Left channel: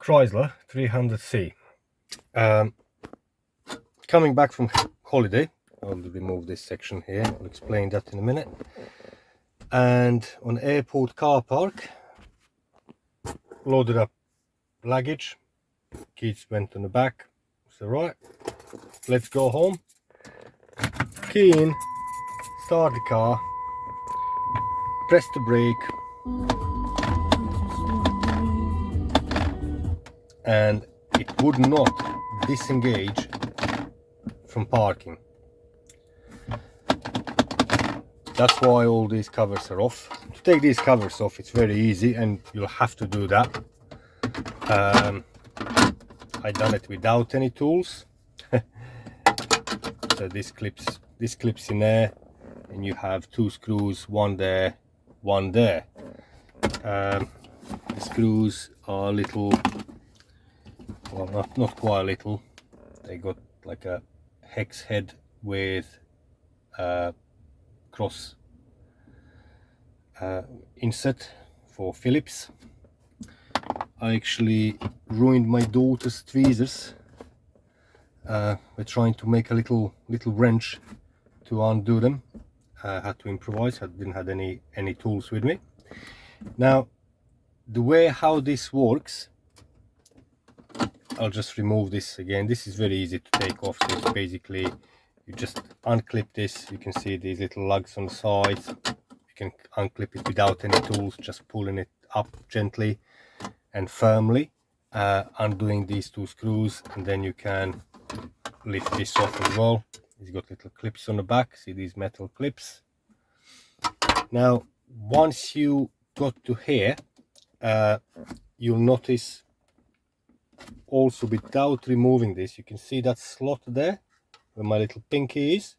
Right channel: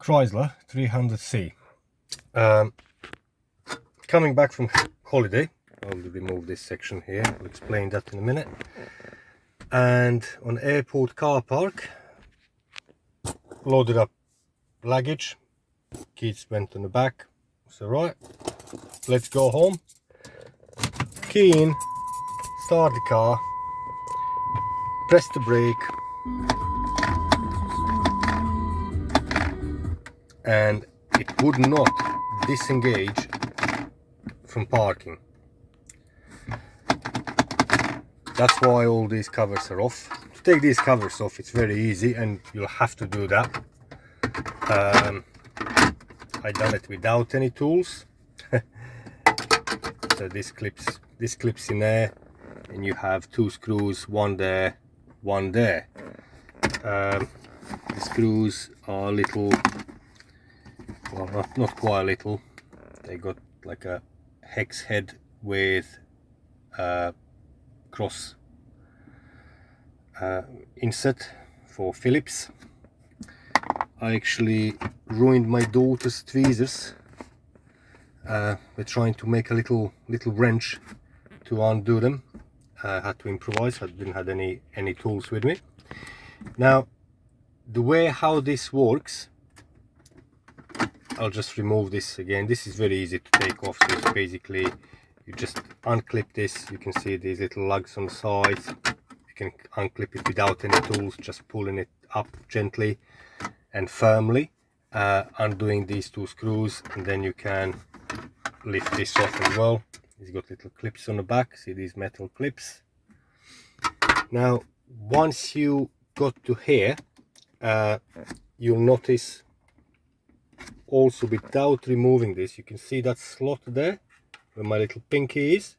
Chrysler 300C. Coming back from holiday, I'll remove this section here, I'll explain that in a minute. And on airport car park, loaded up luggage, kids went on the back, so right, let's go home. Key in, start the car, press the brake, and it would not disengage from parking. That's why all these covers are off. To take these covers off, it's very easy, and you'll have to do that. I done it without any tools. So this clips in there, and you have two screws, one there, one there. The screws are little, well, not quite little. They got like a hex head with cross insert for Phillips. I actually ruined my daughter's tweezers. We're trying to make a little wrench to undo them. I had to improvise. I didn't have any tools with me. Now, the way how this works, I'll just remove this again. This is very easy to take off. So it's basically, you just unclip this. You can see these little lugs on the sides. You can unclip it without any tools, just pulling it up gently and firmly, undoing these two screws, and then you can lift this off as well. It's got little clips on the back. See these metal clips. Now, once you got to here, you'll notice also, without removing this, you can see that slot there where my little pinky is.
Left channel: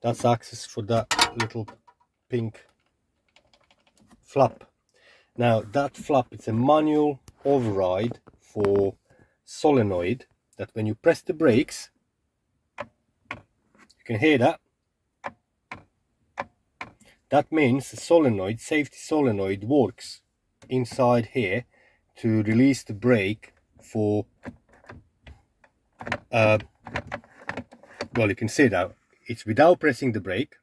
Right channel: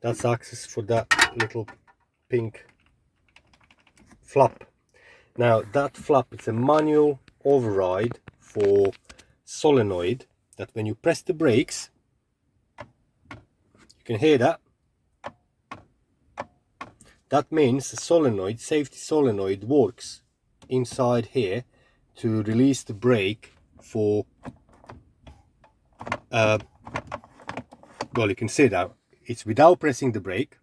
That's access for that little pink flap. Now that flap, it's a manual override for solenoid, that when you press the brakes, you can hear that. That means the solenoid, safety solenoid, works inside here to release the brake for, well, you can see that it's without pressing the brake.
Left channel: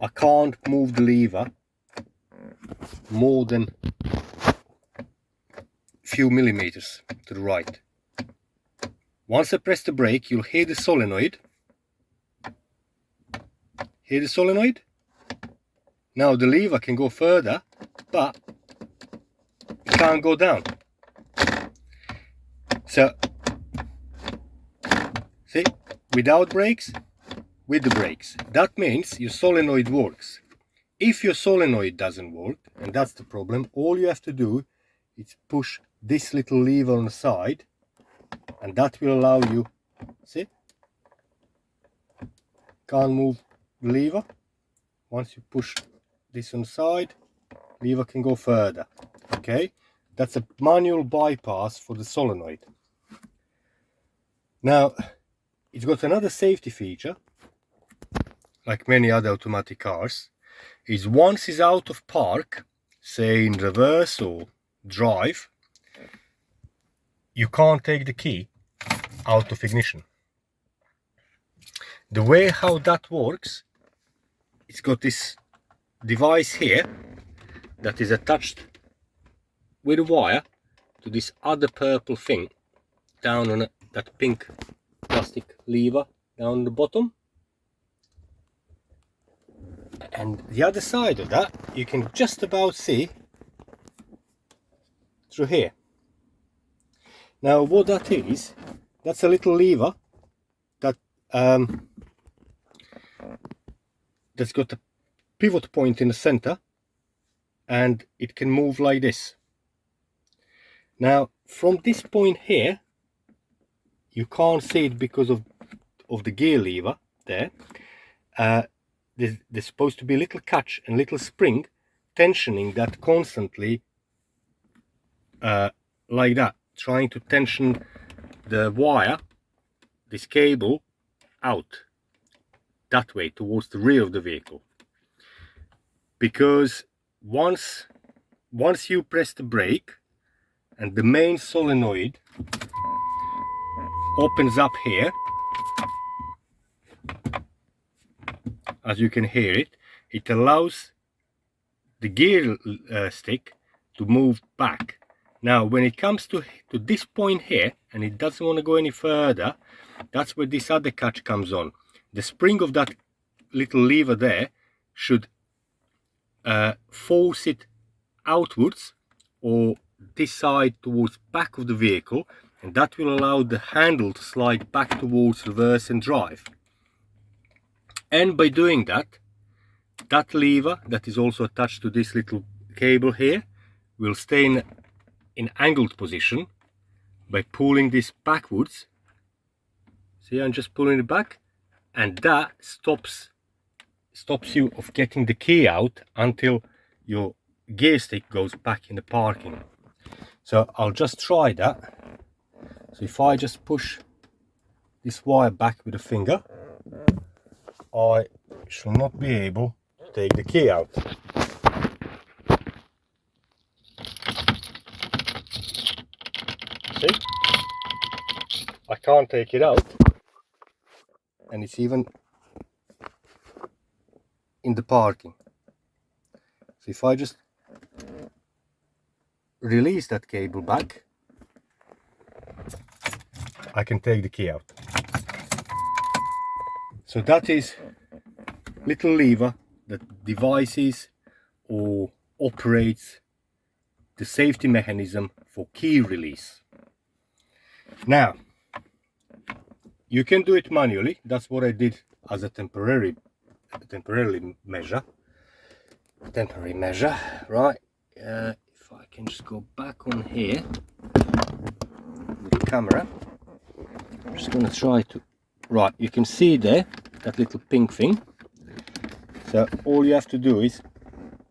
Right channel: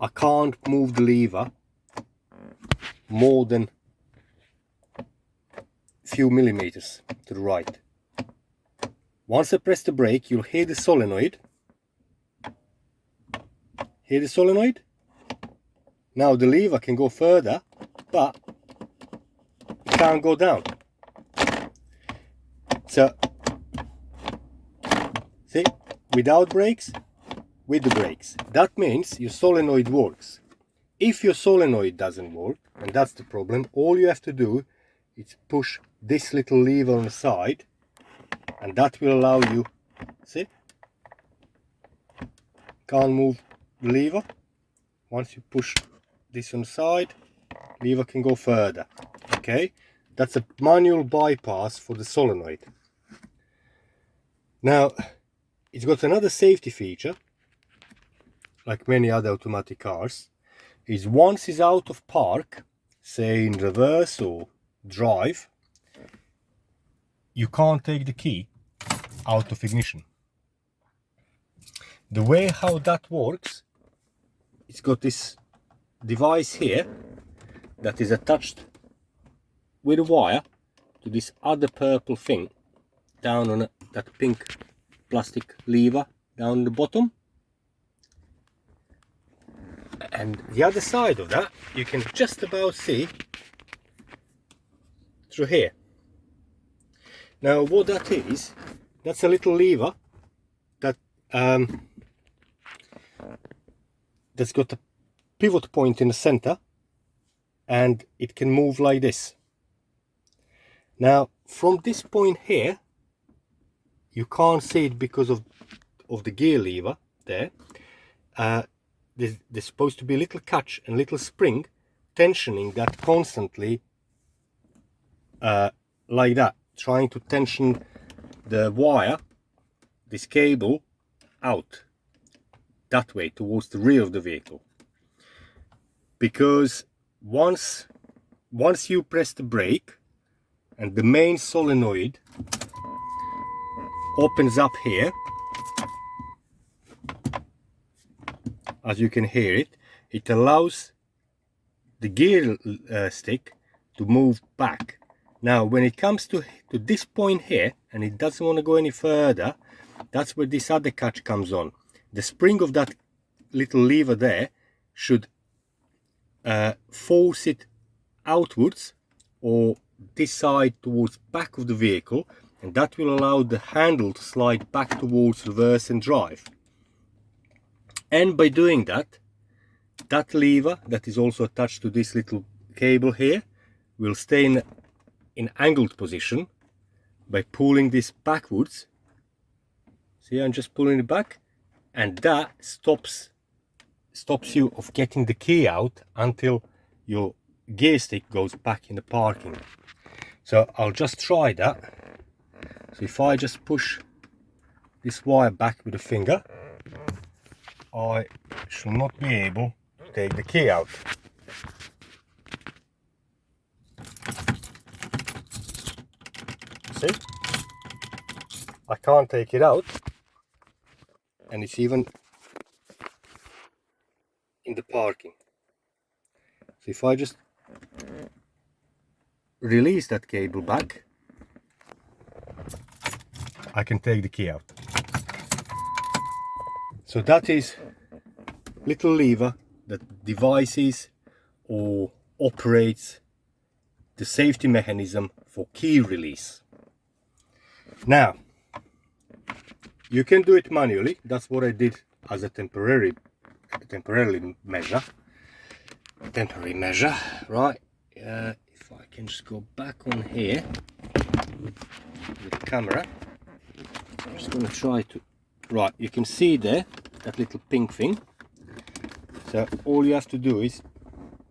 I can't move the lever more than a few millimeters to the right. Once I press the brake, you'll hear the solenoid. Hear the solenoid? Now the lever can go further, but it can't go down. So, see, without brakes, with the brakes. That means your solenoid works. If your solenoid doesn't work, and that's the problem, all you have to do is push this little lever on the side, and that will allow you, see, can't move the lever. Once you push this on the side, lever can go further. Okay, that's a manual bypass for the solenoid. Now, it's got another safety feature, like many other automatic cars, is once it's out of park, say in reverse or drive, you can't take the key out of ignition. The way how that works, it's got this device here that is attached with a wire to this other purple thing down on that pink plastic lever down the bottom. And the other side of that, you can just about see through here. Now what that is, that's a little lever that that's got a pivot point in the center, and it can move like this. Now from this point here, you can't see it because of the gear lever there. There's supposed to be a little catch and little spring tensioning that constantly, like that, trying to tension the wire, this cable, out that way towards the rear of the vehicle. Because once you press the brake and the main solenoid opens up here. As you can hear it, it allows the gear stick to move back. Now when it comes to this point here and it doesn't want to go any further, that's where this other catch comes on. The spring of that little lever there should force it outwards or this side towards back of the vehicle, and that will allow the handle to slide back towards reverse and drive. And by doing that, that lever that is also attached to this little cable here will stay in angled position by pulling this backwards. See, I'm just pulling it back, and that stops you of getting the key out until your gear stick goes back in the parking. So I'll just try that. So if I just push this wire back with a finger, I shall not be able to take the key out. See? I can't take it out, and it's even in the parking. So if I just release that cable back, I can take the key out. So that is little lever that devices or operates the safety mechanism for key release. Now you can do it manually. That's what I did as a temporary measure. Right. If I can just go back on here with the camera, I'm just going to try to. Right, you can see there that little pink thing. So all you have to do is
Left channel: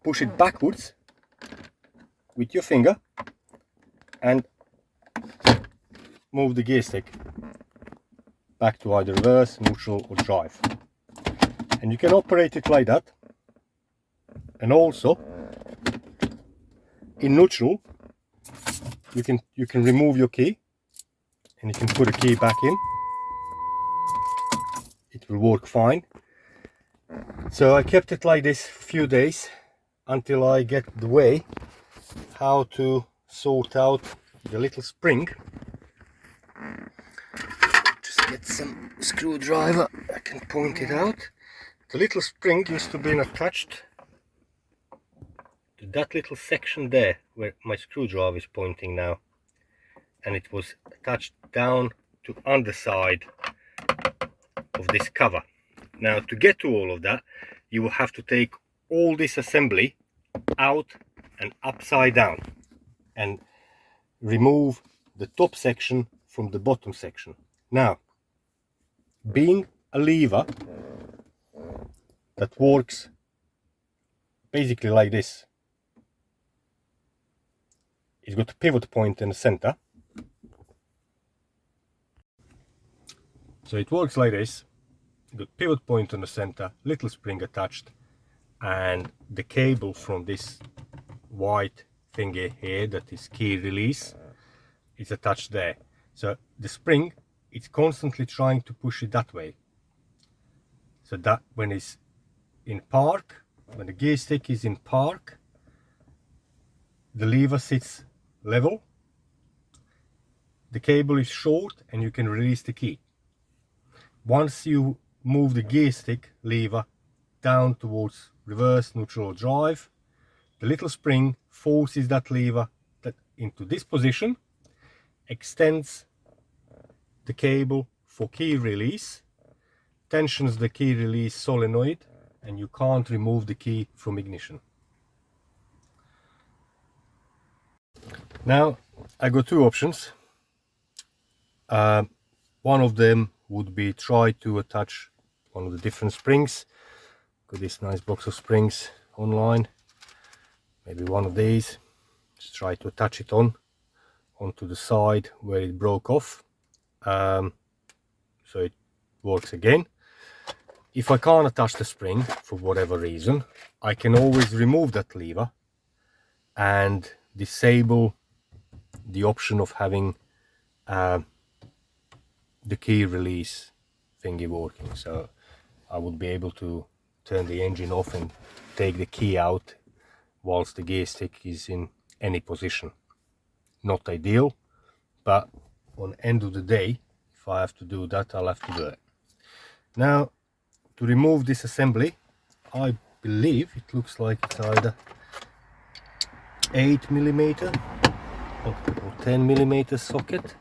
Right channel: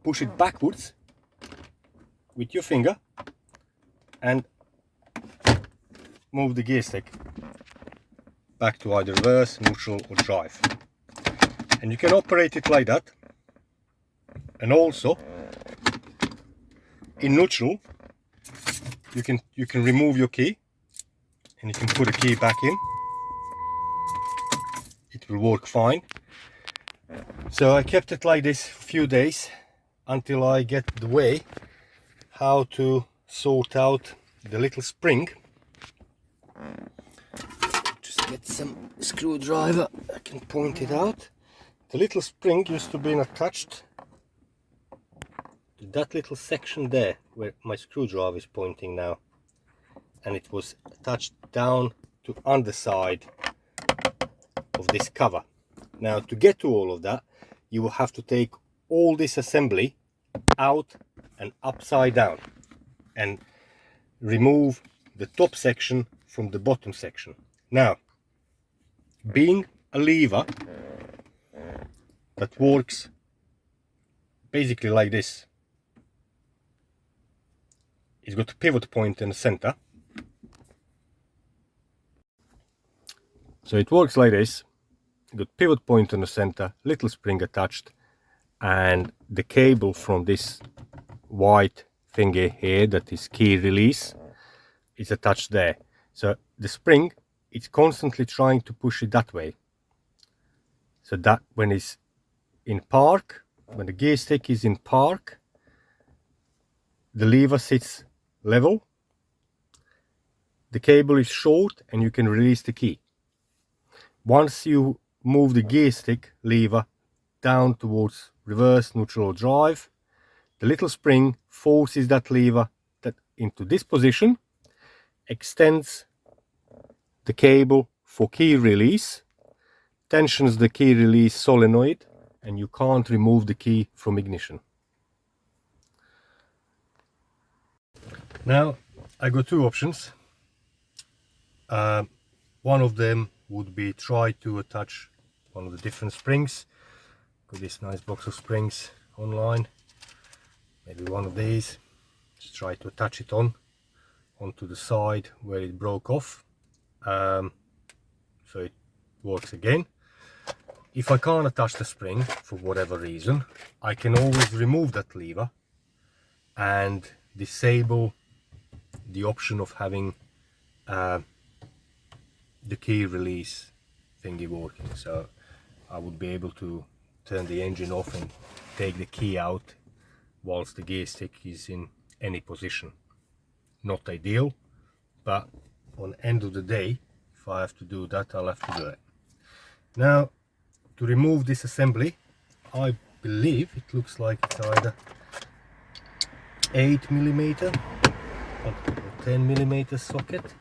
push it backwards with your finger and move the gear stick back to either reverse, neutral or drive. And you can operate it like that. And also in neutral you can remove your key and you can put a key back in. It will work fine. So I kept it like this for a few days until I get the way how to sort out the little spring. Just get some screwdriver, I can point it out. The little spring used to be attached to that little section there where my screwdriver is pointing now, and it was attached down to underside of this cover. Now to get to all of that, you will have to take all this assembly out and upside down and remove the top section from the bottom section. Now, being a lever that works basically like this, it's got a pivot point in the center. So it works like this. Got pivot point in the center, little spring attached, and the cable from this white thingy here that is key release is attached there. So the spring, it's constantly trying to push it that way, so that when it's in park, when the gear stick is in park, the lever sits level, the cable is short, and you can release the key. Once you move the gear stick lever down towards reverse, neutral or drive, the little spring forces that lever into this position, extends the cable for key release, tensions the key release solenoid, and you can't remove the key from ignition. Now I got two options. One of them would be try to attach one of the different springs. Got this nice box of springs online. Maybe one of these. Just try to attach it onto the side where it broke off, so it works again. If I can't attach the spring for whatever reason, I can always remove that lever and disable the option of having the key release thingy working, so I would be able to turn the engine off and take the key out whilst the gear stick is in any position. Not ideal, but on the end of the day, if I have to do that, I'll have to do it. Now, to remove this assembly, I believe it looks like it's either 8mm or 10mm socket.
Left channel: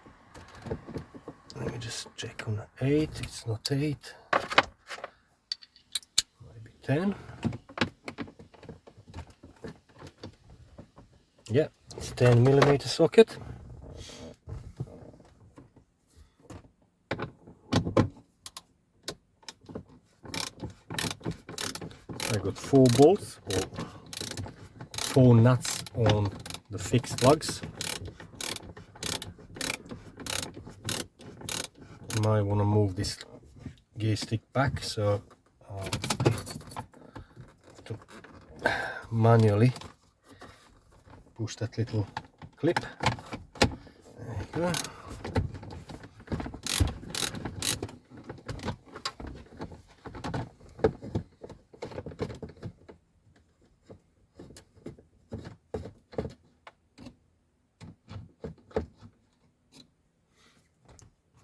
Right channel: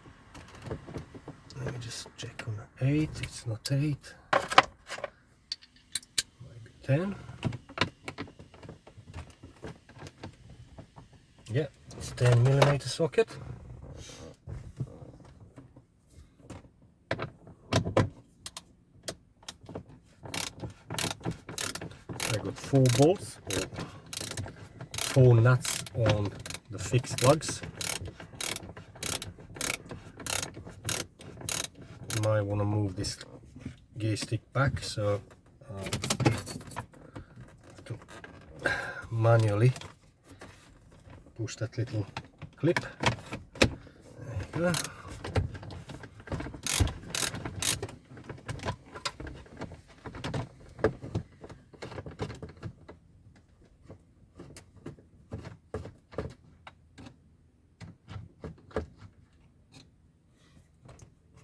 Let me just check on 8, it's not 8, maybe 10. Yeah, it's 10mm socket. I got 4 bolts or 4 nuts on the fixed plugs. You might want to move this gear stick back, so to manually push that little clip. There you go.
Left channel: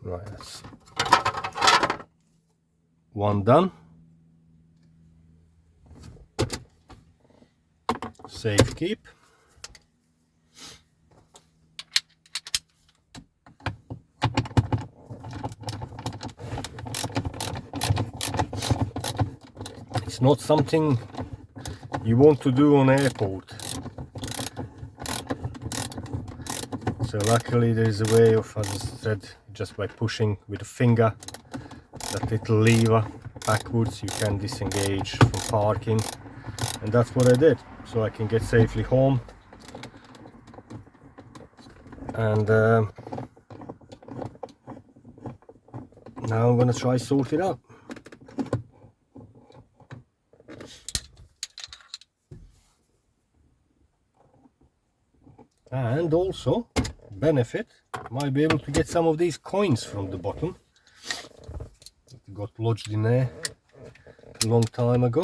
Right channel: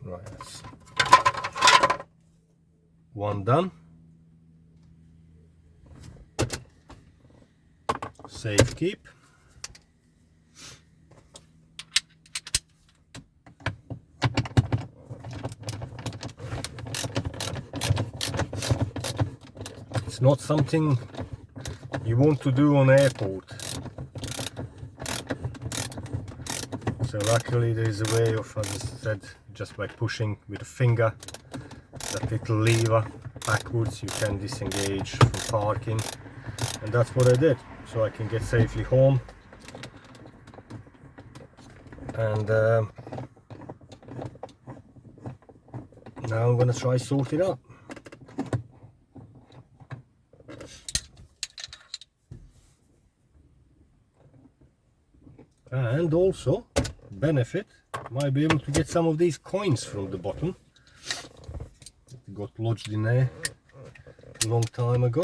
Right, that's one done. Safe keep. It's not something you want to do on airport. So luckily there is a way of, as I said, just by pushing with a finger that little lever backwards, you can disengage from parking, and that's what I did, so I can get safely home. And now I'm gonna try sort it out. And also benefit, might be able to get some of these coins from the bottom that got lodged in there a long time ago.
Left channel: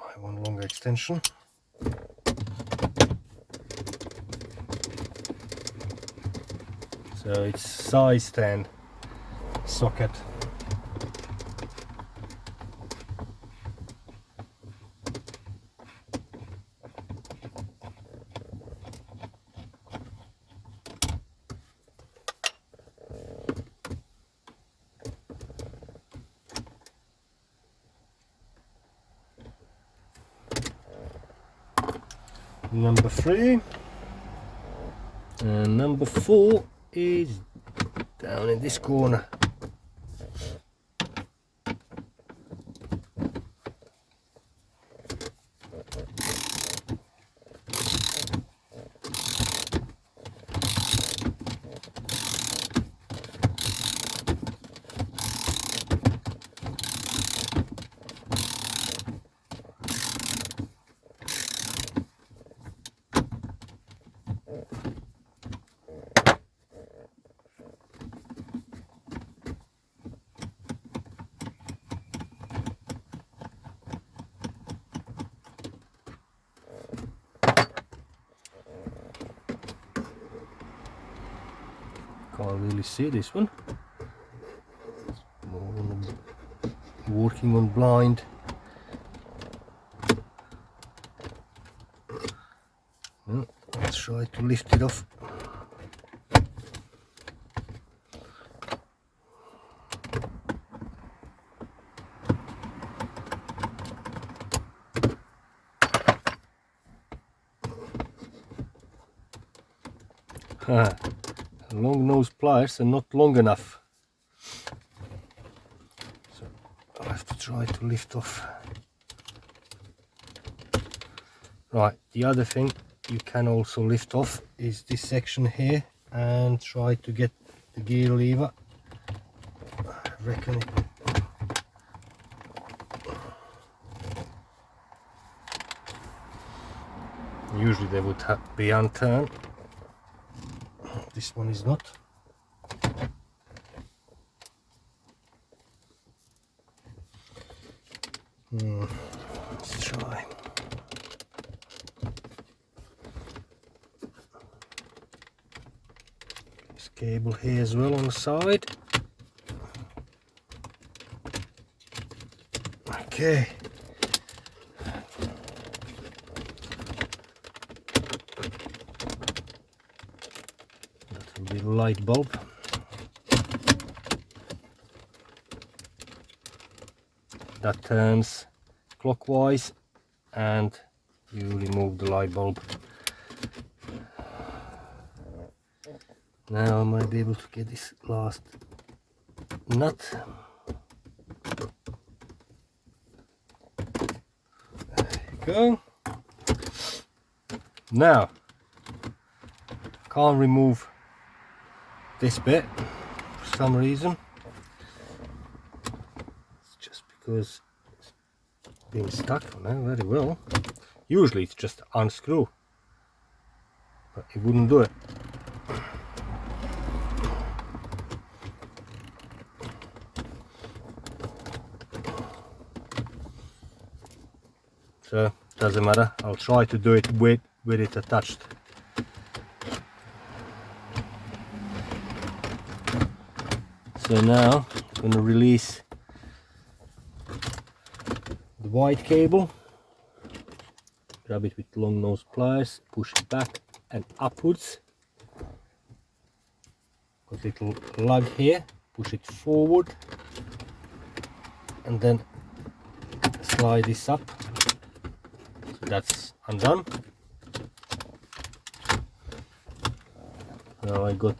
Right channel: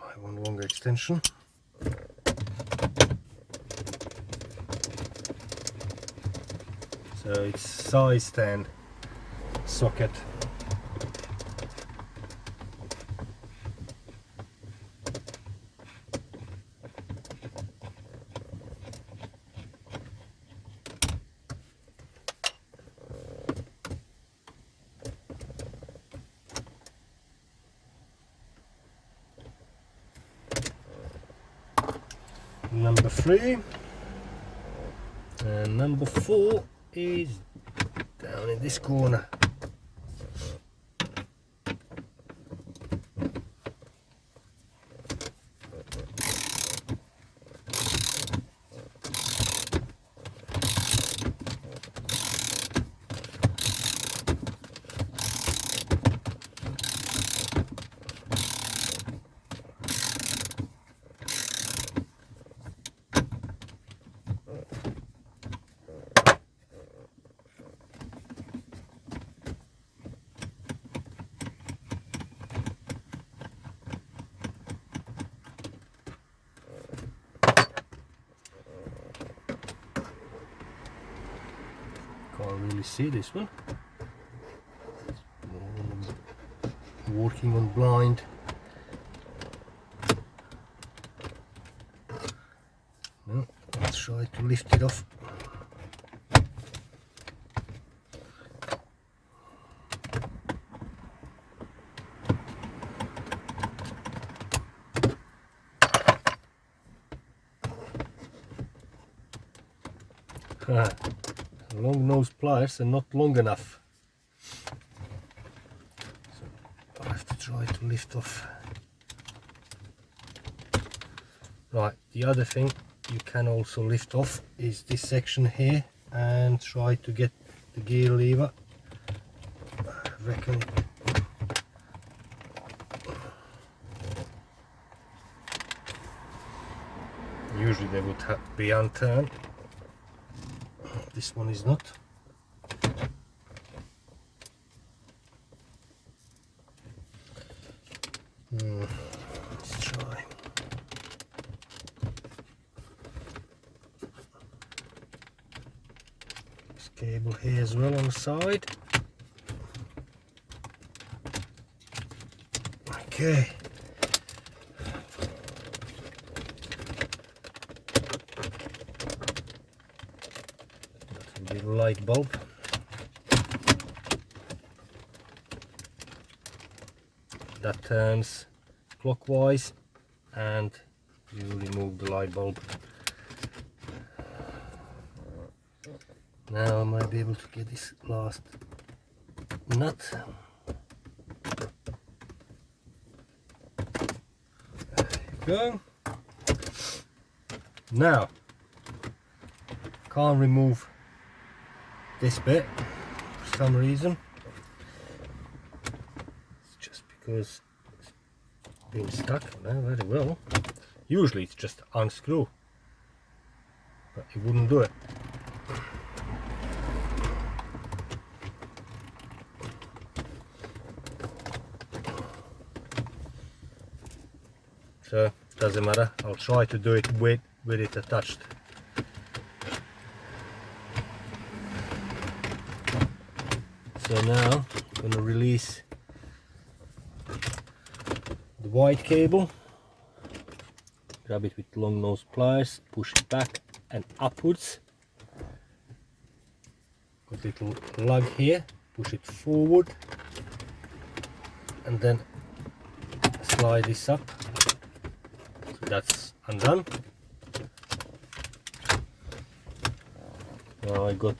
Might want a longer extension. So it's size 10 socket. Number 3, and number 4 is down in this corner. Can't really see this one. Working on blind. Let's try to lift it off. Long nose pliers are not long enough, so I have to try to lift off. Right, the other thing you can also lift off is this section here and try to get the gear lever. I reckon it, usually they would be unturned. This one is not. Let's try. This cable here as well on the side. Okay. That's a light bulb. That turns clockwise and you remove the light bulb. Now I might be able to get this last nut. There you go. Now, can't remove this bit for some reason. It's just because it's been stuck now very well. Usually it's just unscrew, but it wouldn't do it. So doesn't matter, I'll try to do it with it attached. So now I'm going to release the white cable, grab it with long nose pliers, push it back and upwards. Got a little lug here, push it forward and then slide this up. So that's undone. Now I got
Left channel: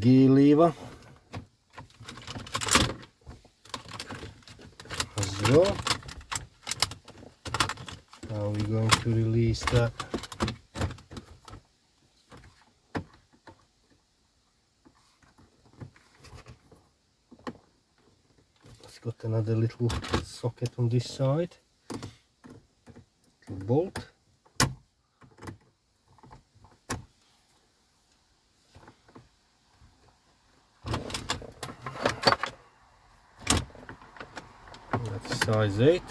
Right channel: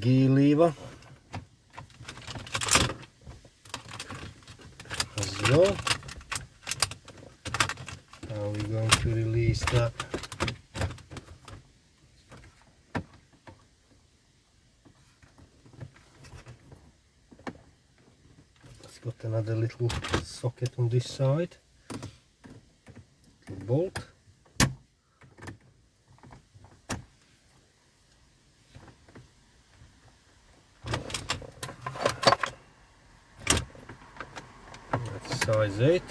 gear lever as well. Now we're going to release that. It's got another little socket on this side, little bolt. That's size 8.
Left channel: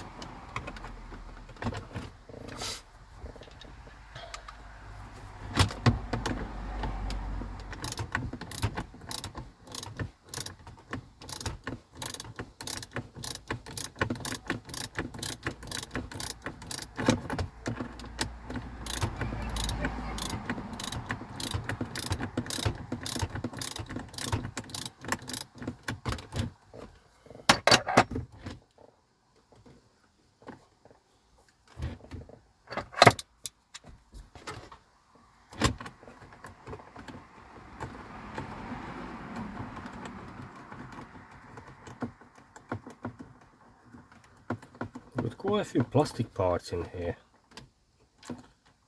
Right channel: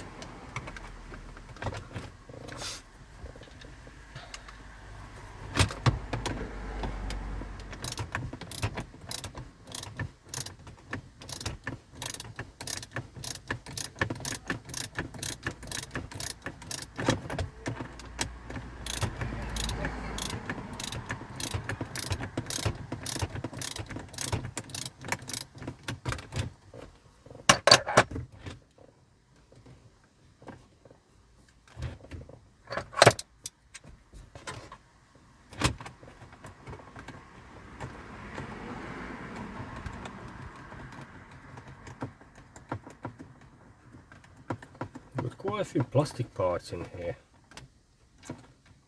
Got quite a few plastic parts in here.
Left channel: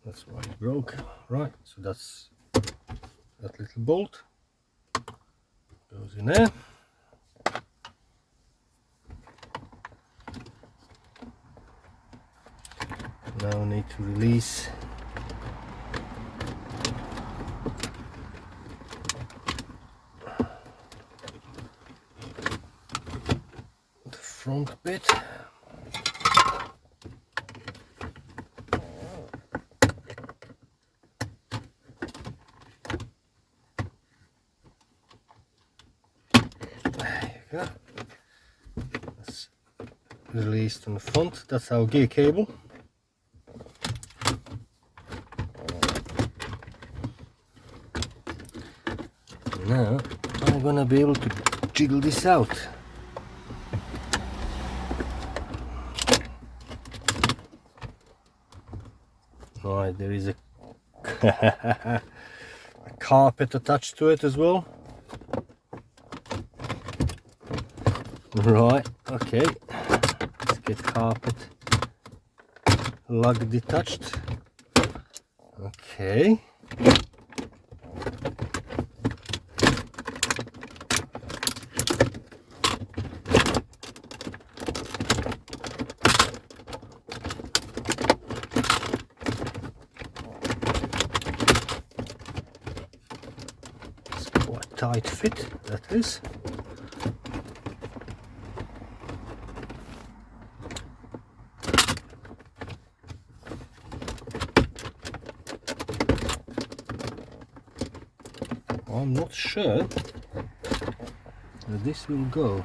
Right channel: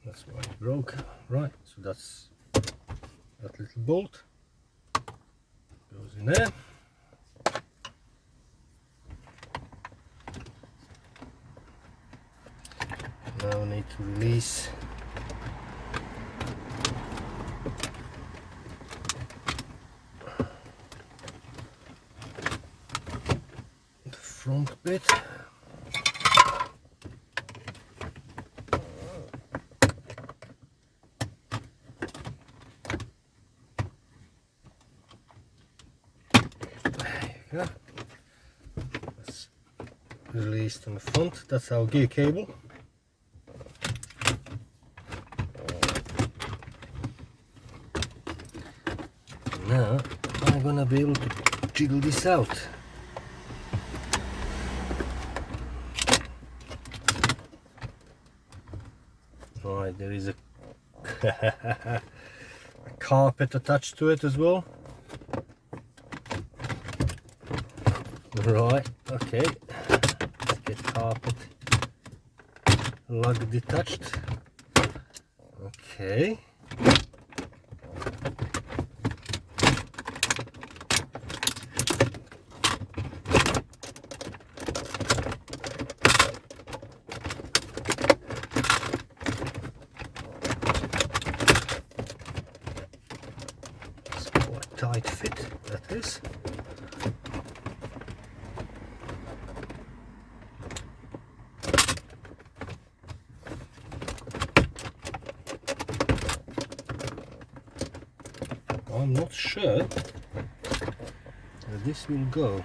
That's why it broke. Right, so that's that little bolt goes in there. Now we need to release the front bit. Yeah. That's released on the front. That's our gear cable. Now I'm gonna be able to jiggle this out. Right, there is a carpet attached to it as well. Right, okay, let's get carpet lug detached. Okay. It's quite tight fit, that is. I'm not sure where this will go.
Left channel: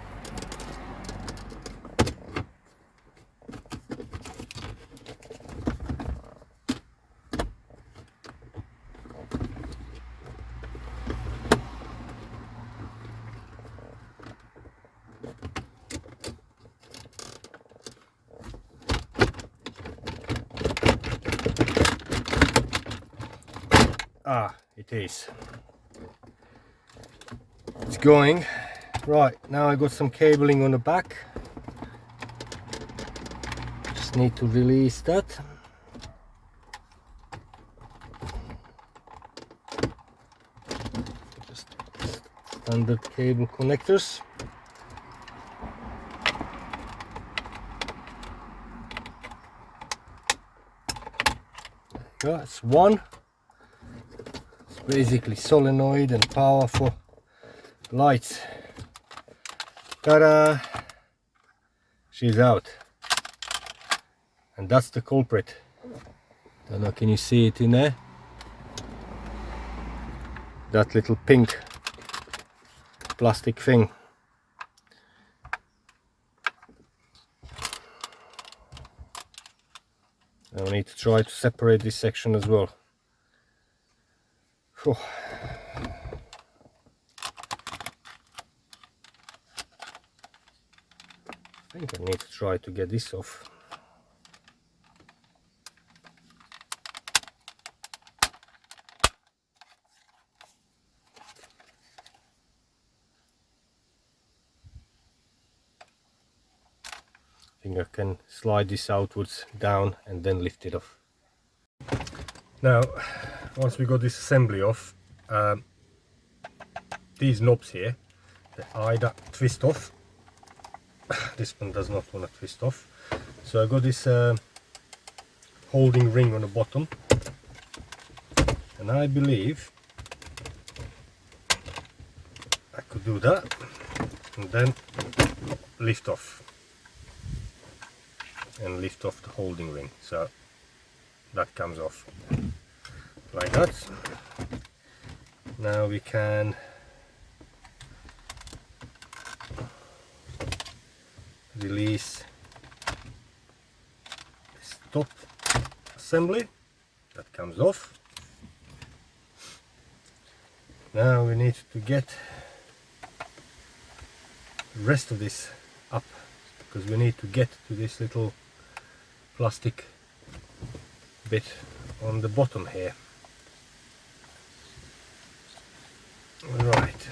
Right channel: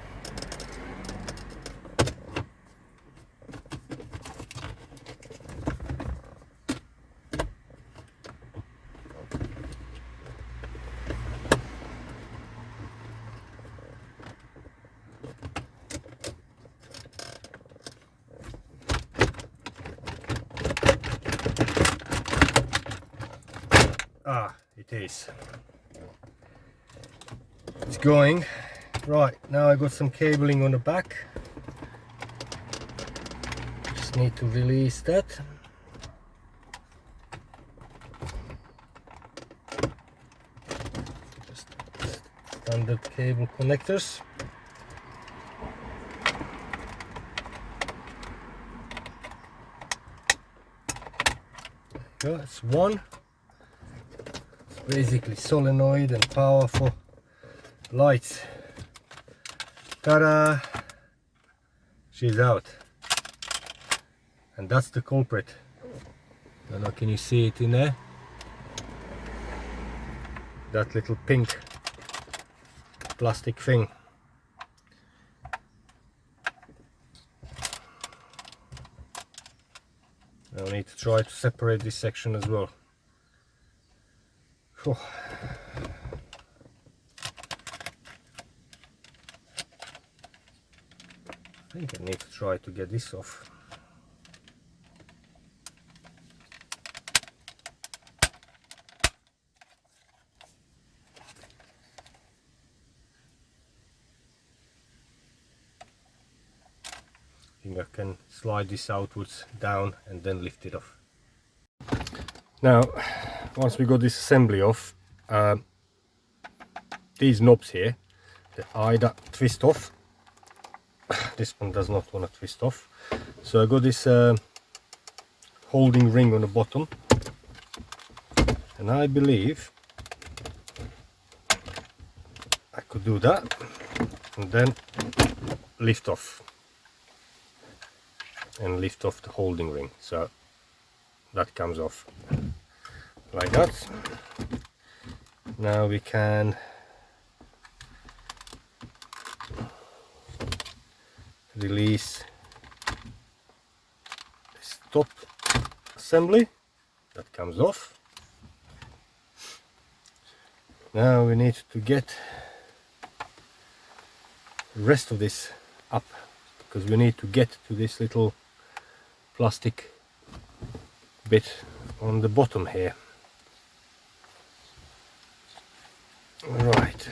Ah, it is. It's going. Right, now I got some cabling on the back. Just need to release that. Just standard cable connectors. Yeah, it's one. It's basically solenoid and power for lights. Ta-da! She's out. And that's the culprit. I don't know, can you see it in there? That little pink plastic thing. I need to try to separate this section as well. Whew. I think I need to try to get this off. I think I can slide this outwards down and then lift it off. Now, once we got this assembly off, these knobs here, they either twist off. This one does not want to twist off. So I got this holding ring on the bottom, and I believe I could do that and then lift off and lift off the holding ring, so that comes off like that. Now we can release this top assembly, that comes off. Now we need to get the rest of this up, because we need to get to this little plastic bit on the bottom here. Right.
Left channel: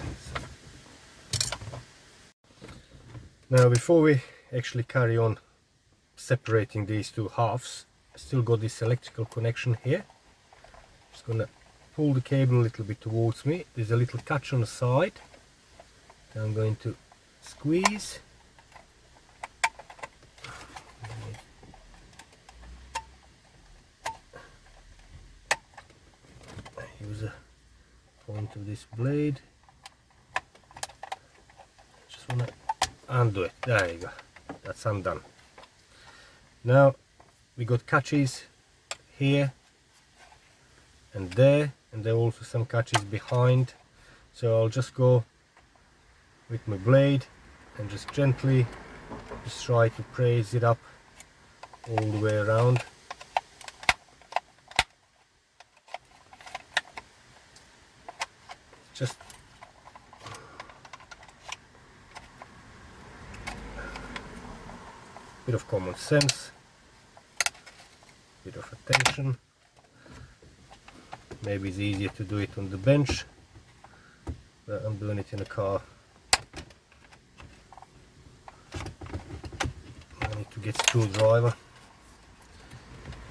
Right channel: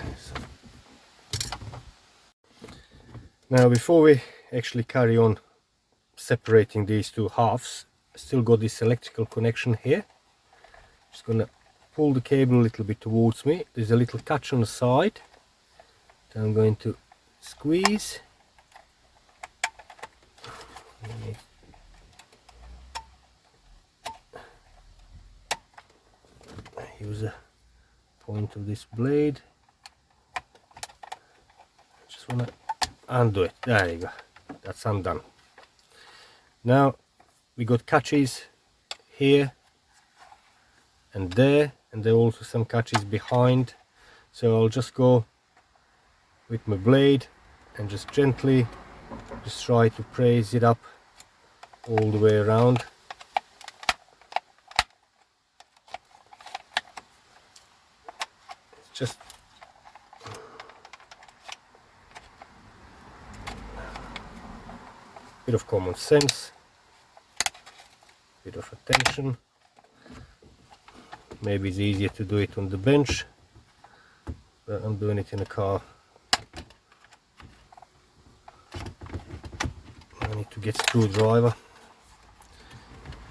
Now before we actually carry on separating these two halves, I still got this electrical connection here. Just gonna pull the cable a little bit towards me. There's a little catch on the side that I'm going to squeeze. Use a point of this blade. Just wanna undo it. There you go. That's undone. Now we got catches here and there are also some catches behind. So I'll just go with my blade and just gently just try to press it up all the way around. Just a bit of common sense, bit of attention. Maybe it's easier to do it on the bench, but I'm doing it in a car. I need to get screwdriver.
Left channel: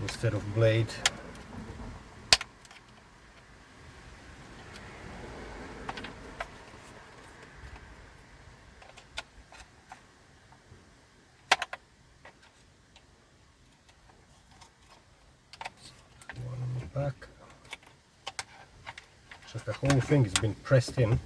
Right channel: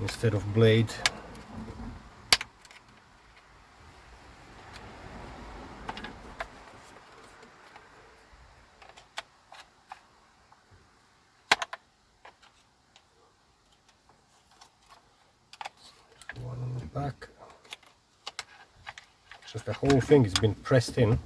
instead of blade. One on the back. Just the whole thing has been pressed in.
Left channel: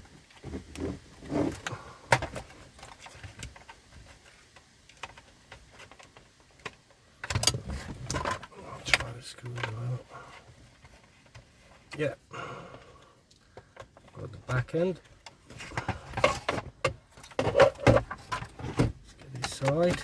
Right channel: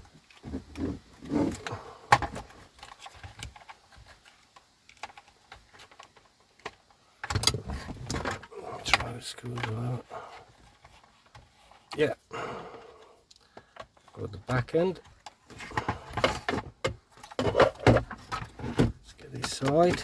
Try to screw it out. Yeah. Got the back end. Let's get this side.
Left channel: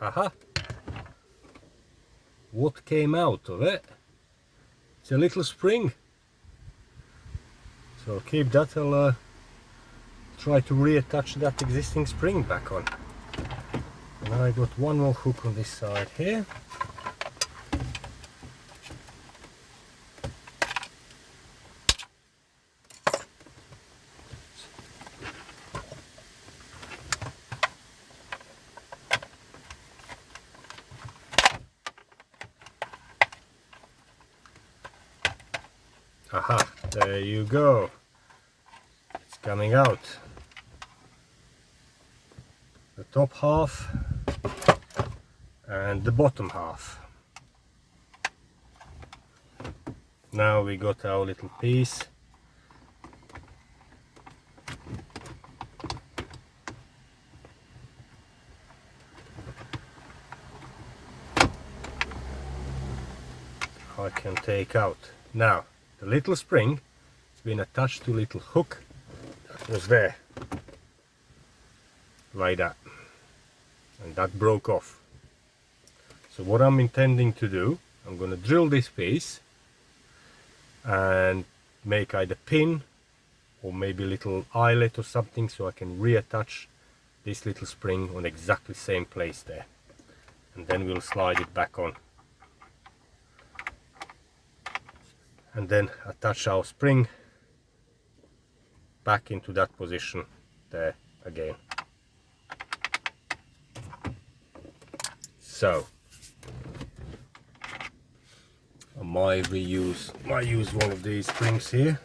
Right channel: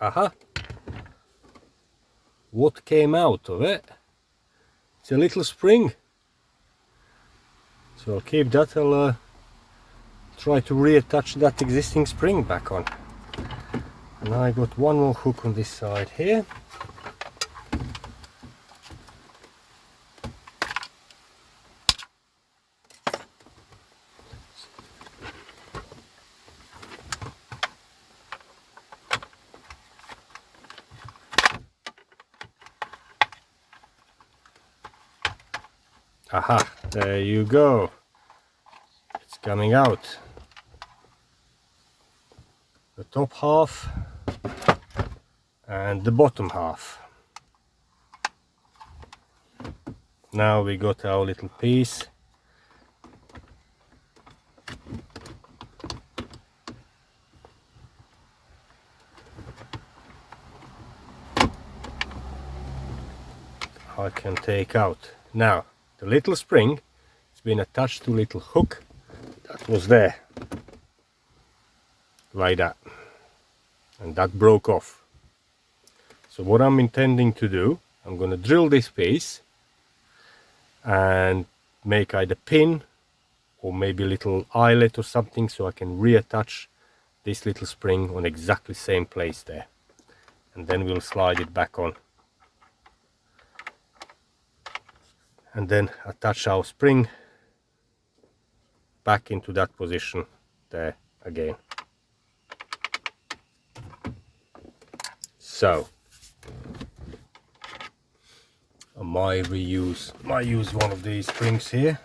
Aha! What came out of it? It's a little spring. So I'll keep that. I'll try to reattach that existing spring back on. And I got one more hook on this side here. Aha, there you go. It's coming out. The top half and the bottom half. Now we got our little piece. I can take out. Now the little spring has been attached to a little hook that was there, like that, and that broke off. So what I'm intending to do, I'm going to drill this piece and make either pin or maybe a little eyelet or something, so I can reattach this little spring on exactly the same place there, and then we'll slide it back on. And then attach our spring back into that position there again. So I might use one of these springs here.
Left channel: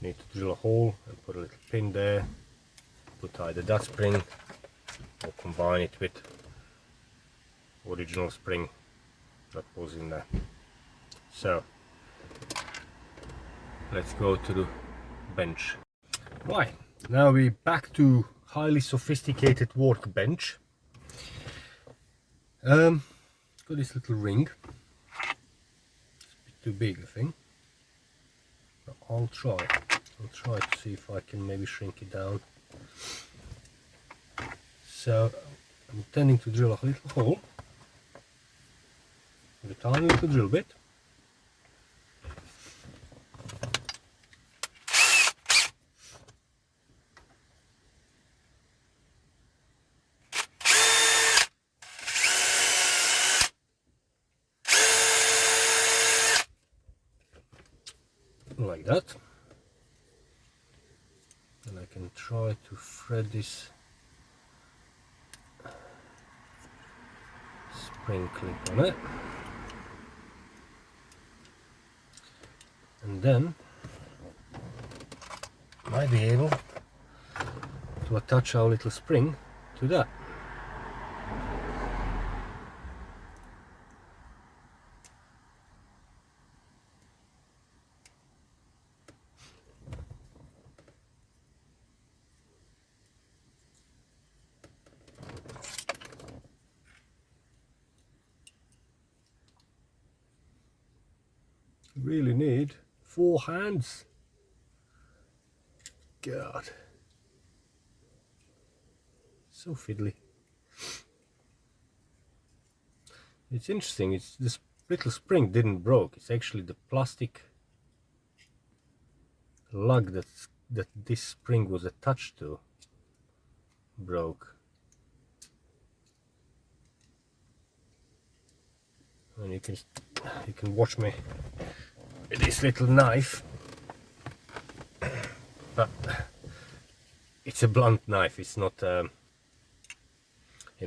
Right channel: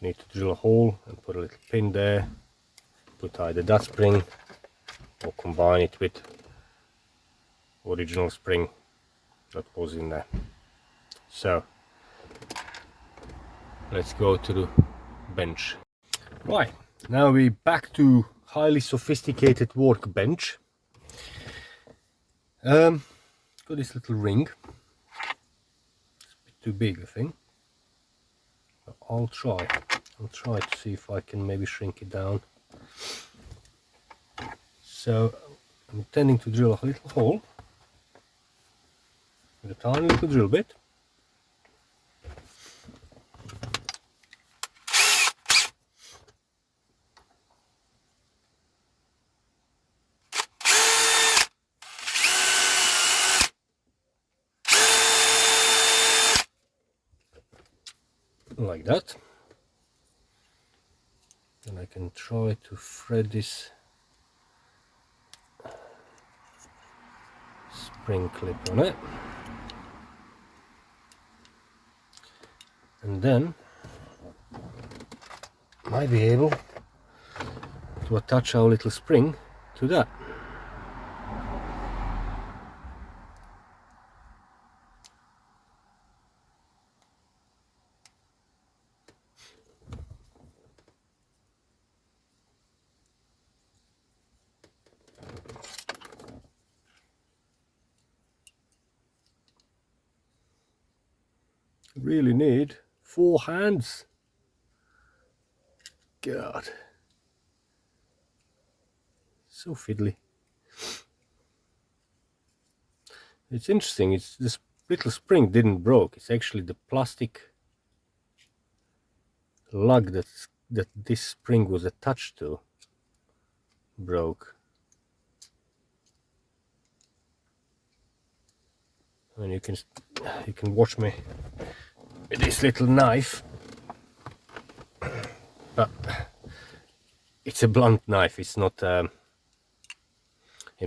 Need to drill a hole and put a little pin there, put either that spring or combine it with original spring that was in there. So let's go to the bench. Right, now we're back to highly sophisticated workbench. Got this little ring. It's a bit too big, I think. I'll try to see if I can maybe shrink it down. So I'm intending to drill a little hole with a tiny little drill bit. Like that. And I can try to thread this spring clip on it, and then I might be able to attach our little spring to that. Really need 4 hands. God, so fiddly. It's interesting, it's the little spring didn't broke. It's actually the plastic lug that this spring was attached to broke. And you can watch me with this little knife, but it's a blunt knife. It's not you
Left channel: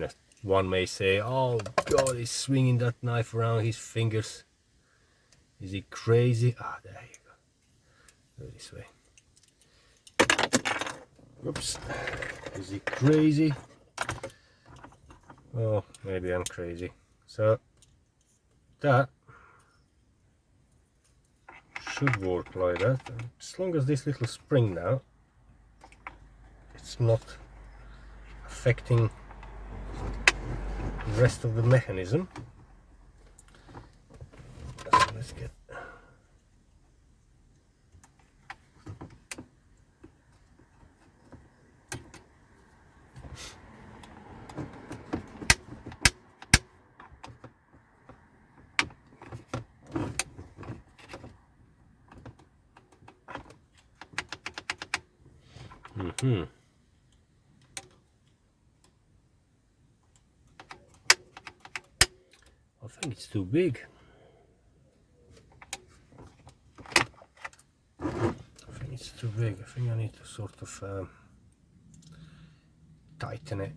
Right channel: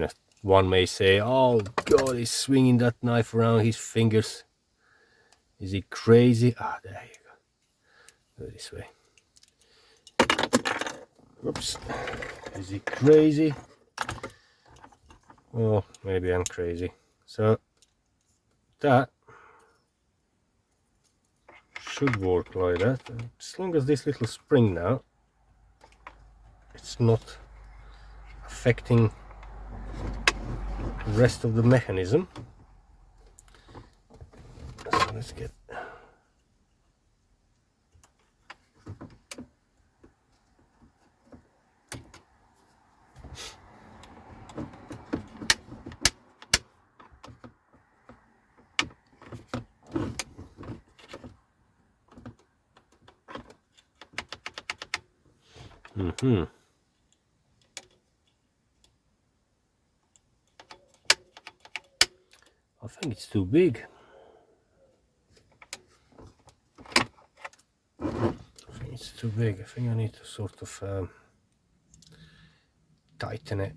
know, one may say, oh god, he's swinging that knife around his fingers, is he crazy? Ah, there you go, go this way. Oops, is he crazy? Well, maybe I'm crazy. So that should work like that, as long as this little spring now, it's not affecting the rest of the mechanism. So let's get I think it's too big. I think it's too big. I think I need to sort of tighten it.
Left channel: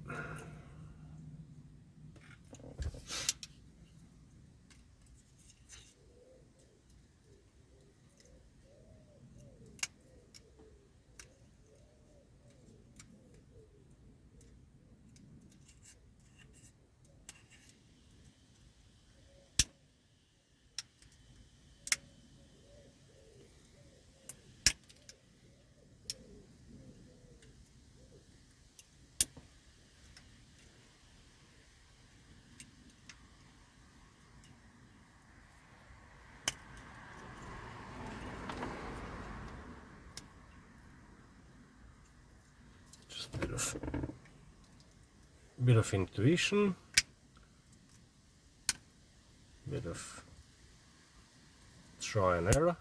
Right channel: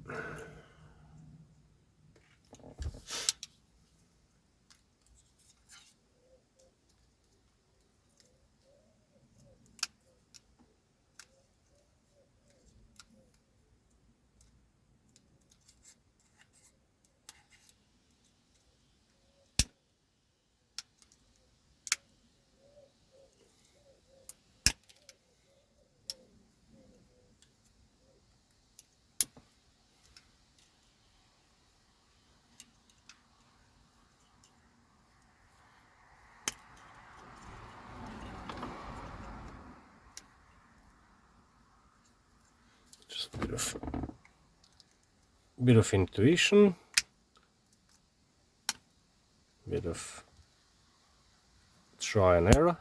Just a bit of intuition, bit of try and error.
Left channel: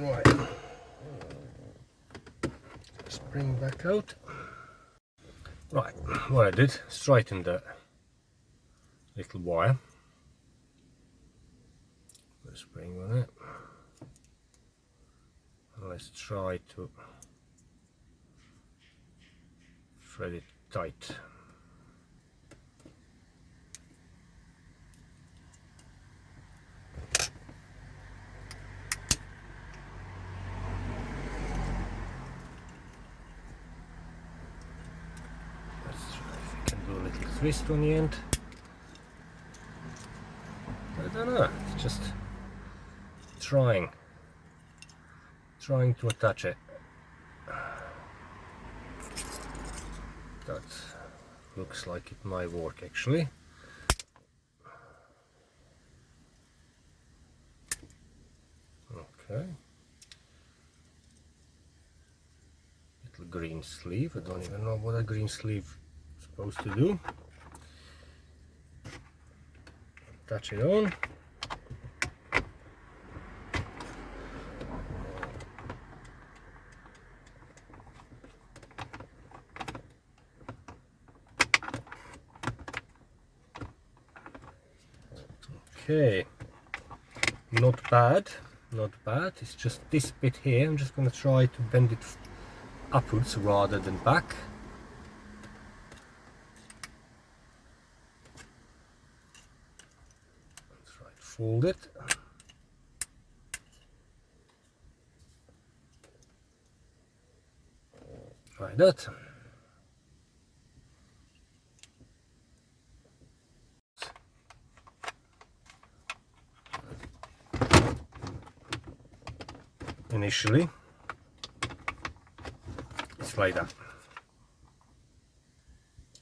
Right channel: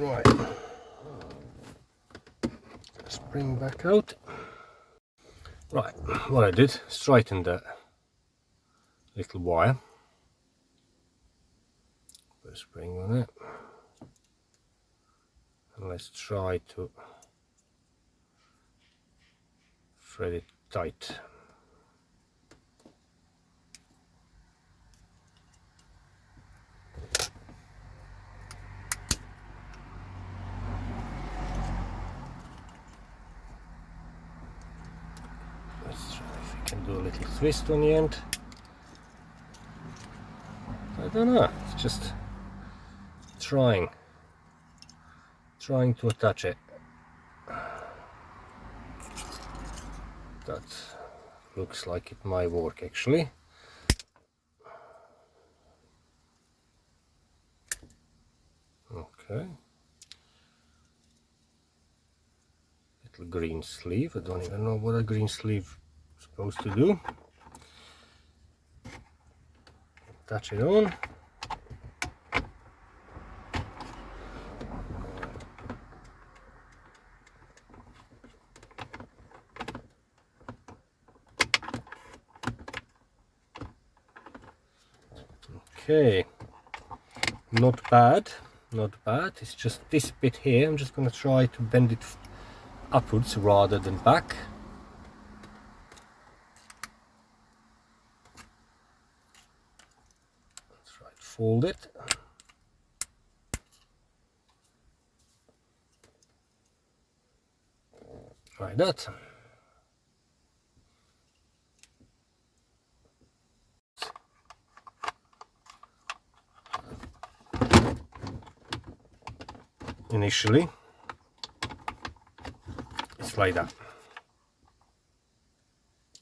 Right, spring back out. Right, what I did, straighten the little wire, put a spring on it, and let's try to thread it tight. Do a little twist on the end. I don't know, it's just trying to attach it. That looks like it might work actually. Okay. Little green sleeve. I don't even know what a green sleeve is supposed to do. Attach it on. Okay, not bad, not bad. It's just this bit here. I'm just going to try to bend it upwards rather than back. Let's try to fold it. Like that. Initially, it's like that.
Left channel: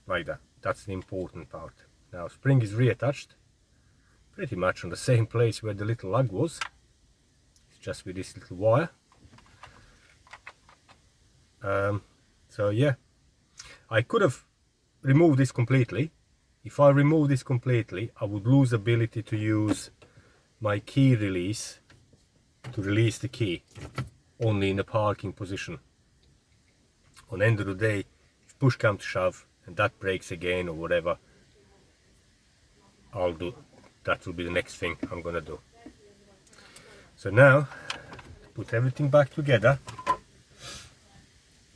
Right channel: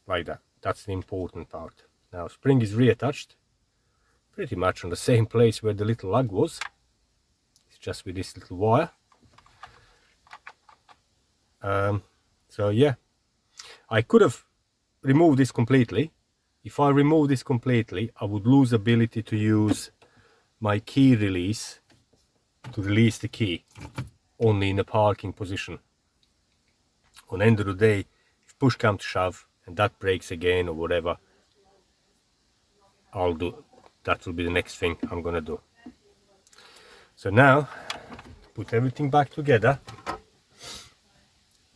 Like that. That's the important part. Now spring is reattached pretty much on the same place where the little lug was. It's just with this little wire. So yeah, I could have removed this completely. If I remove this completely, I would lose ability to use my key release to release the key only in a parking position. On the end of the day, if push comes to shove and that breaks again or whatever, that will be the next thing I'm gonna do. So now, to put everything back together,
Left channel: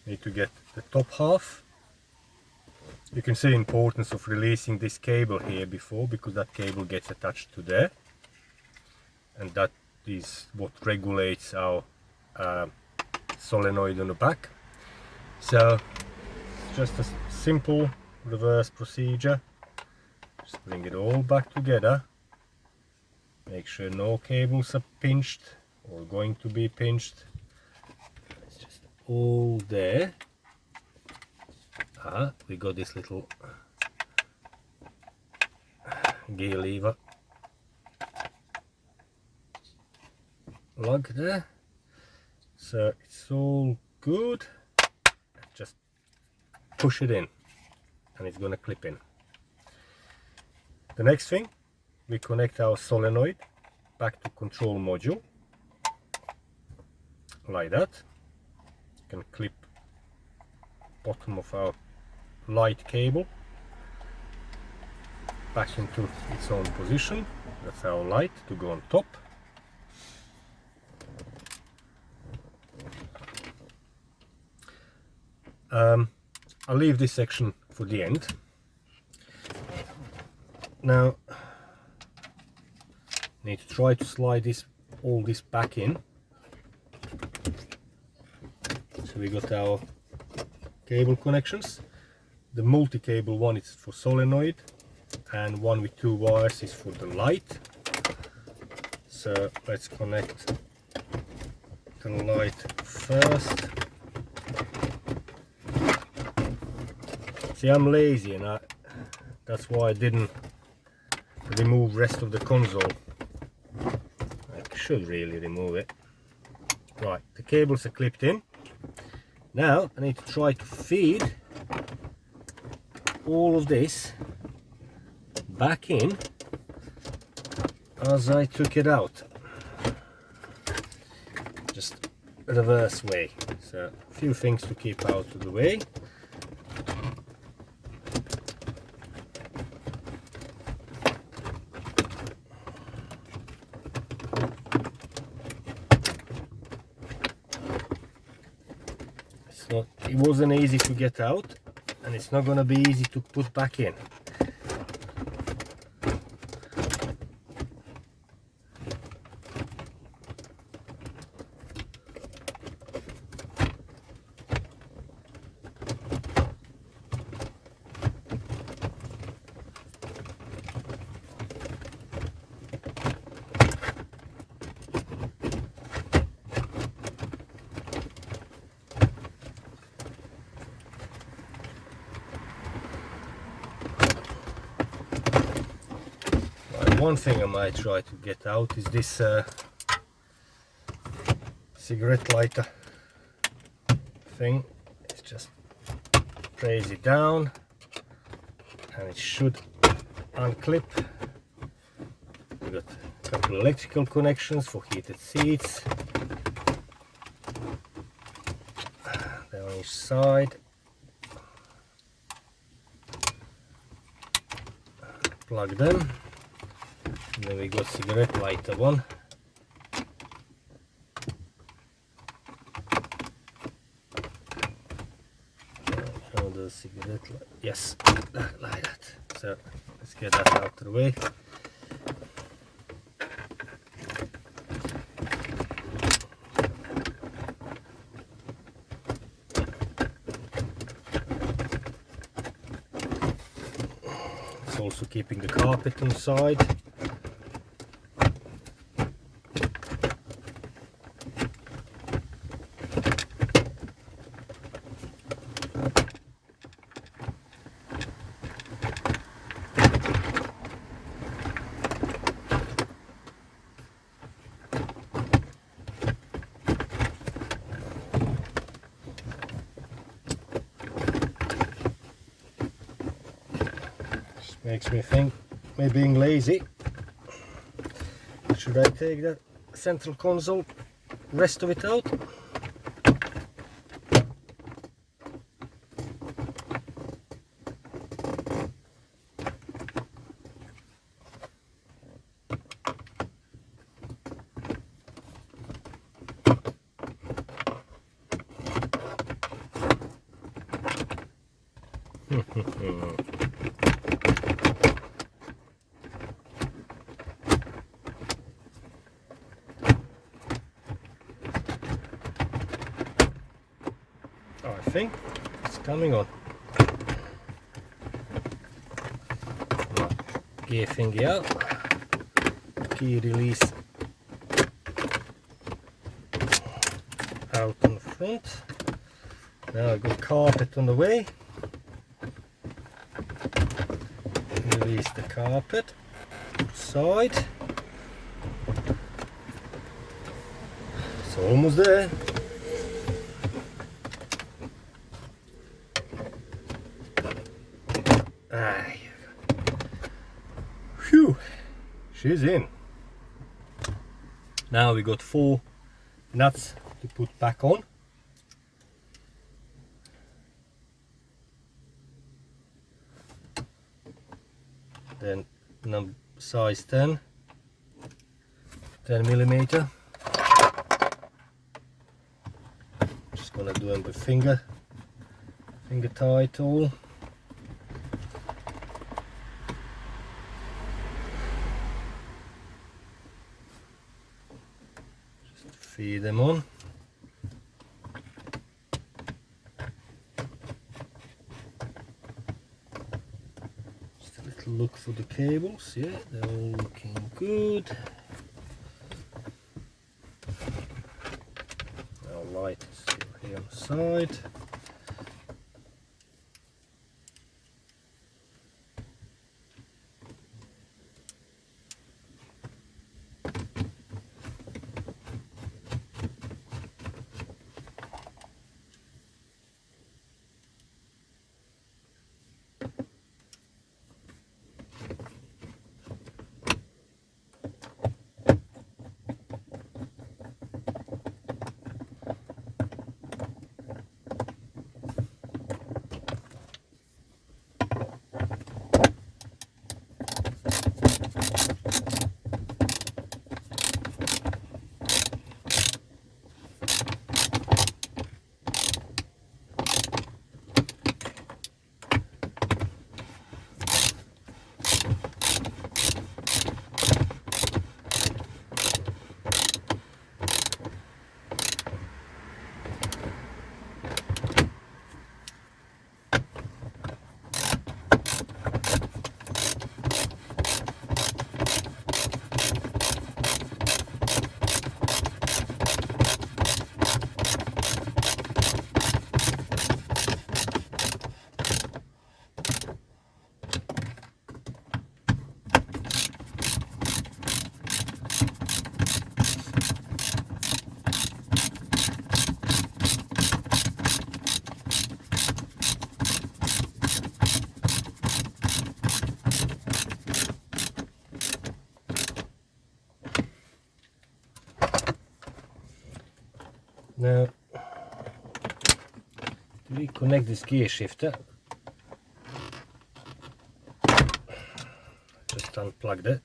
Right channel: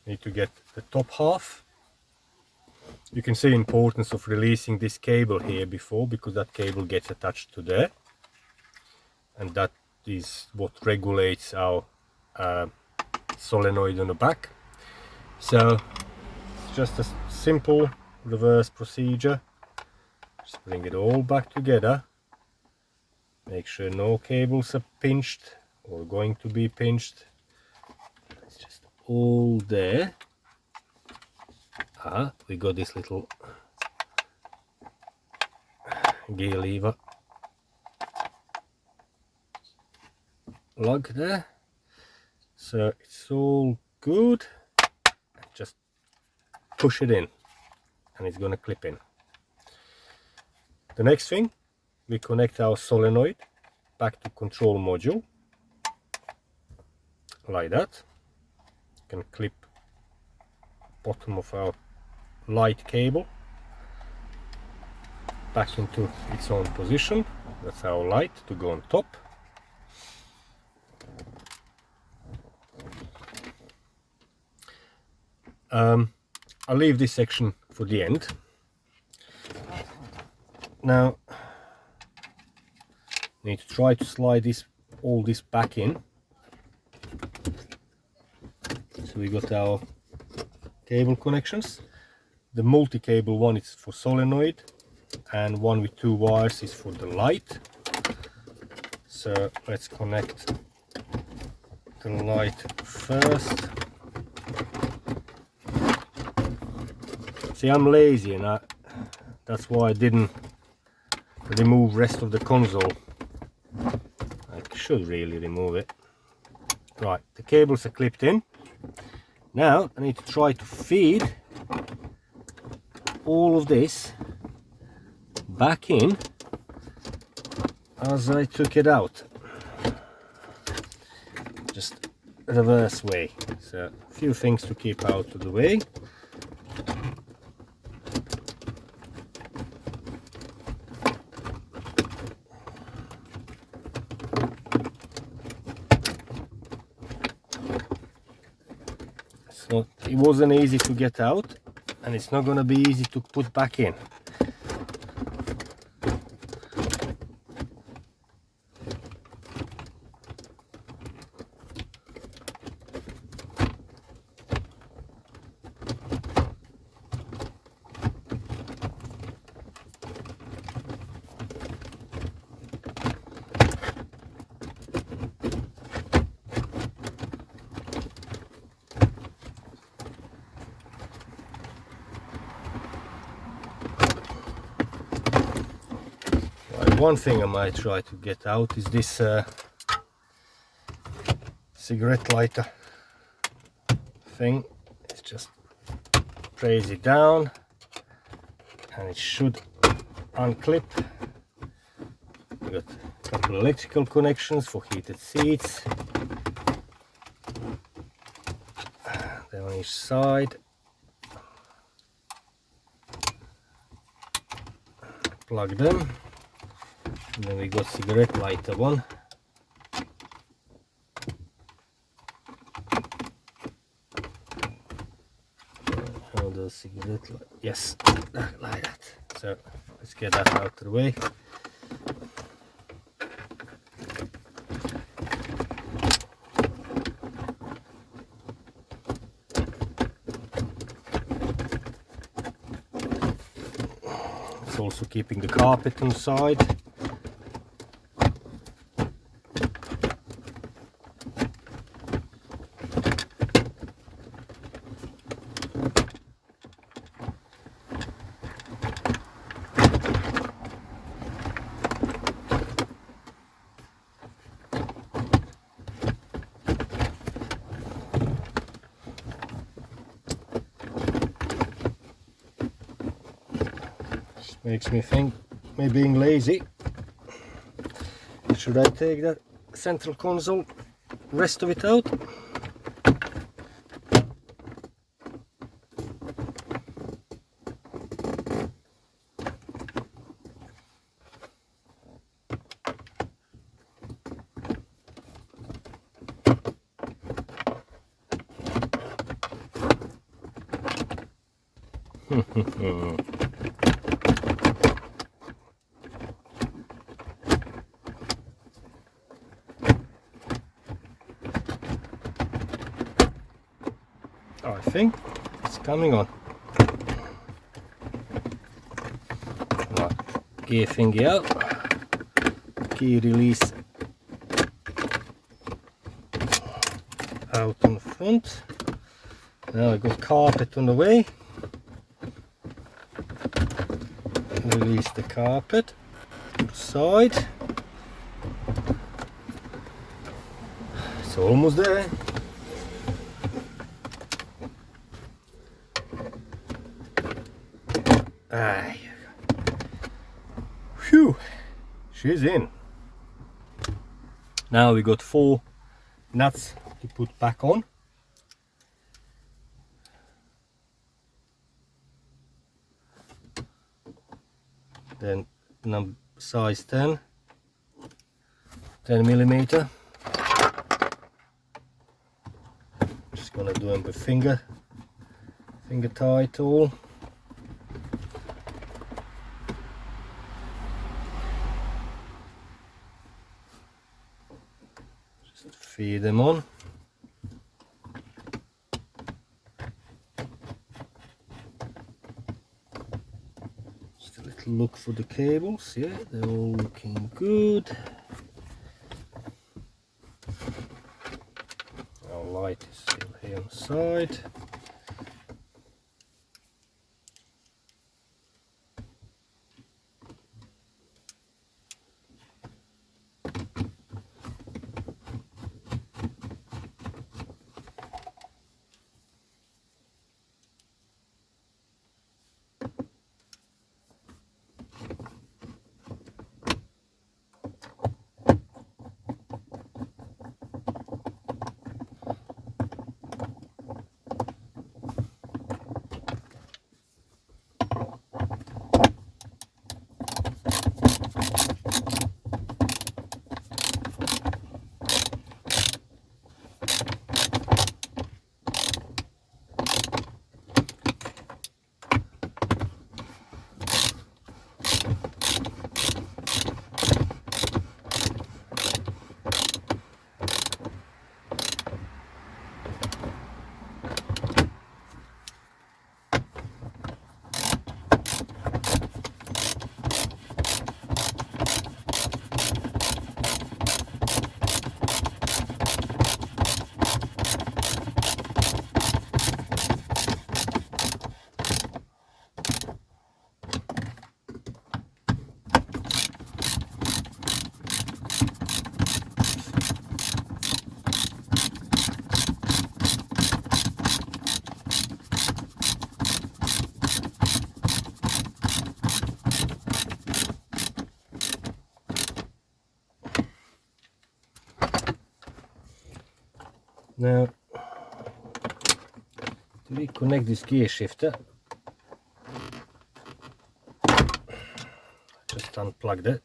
need to get the top half. You can see the importance of releasing this cable here before, because that cable gets attached to there, and that is what regulates our solenoid on the back. So it's just a simple reverse procedure. Just bring it all back together, make sure no cables are pinched or going to be pinched. It's just all there. We got this little gear lever lug there, so it's all good. Just push it in and it's going to clip in. The next thing, we connect our solenoid back to control module like that. You can clip bottom of our light cable back into its own position. That's our light to go on top. I'll leave this section for the end. Now, need to try to slide all this back in. So we got our cable connections. The multi-cable one is for solenoid, and one with 2 wires is for the light. So let's connect the light first. See, I'm lazy, and that's why I didn't remove rest of the console. I should really remove it. Right, the cables are clipped in. Now I need to try to feed all of this back in as I took it out. Just reverse way. So a few things to keep out of the way. So it wasn't easy to get out, and it's not going to be easy to put back in. One thing I might try to get out is this cigarette lighter thing. It's just praise it down and it should unclip. We got a couple of electrical connections for heated seats. Then on each side. Plug them. And then we got cigarette lighter one. How does cigarette light? Yes, like that. So let's get that out of the way. It's also keeping the carpet inside. makes me think, me being lazy, should I take that central console, rest of it out? I think it's coming on. Now, gear finger out, key release out in front. Now I got carpet on the way. Release the carpet side. It's almost there. Phew, she's in. Now we got 4 nuts to put back on. Then size 10 millimeter. Just gonna do them with finger tie tool. Just feed them on. Look for the cables. Yeah, they're all looking good. Our light is still here on the side. Now, to reconnect this gear shifter, just unplugged it.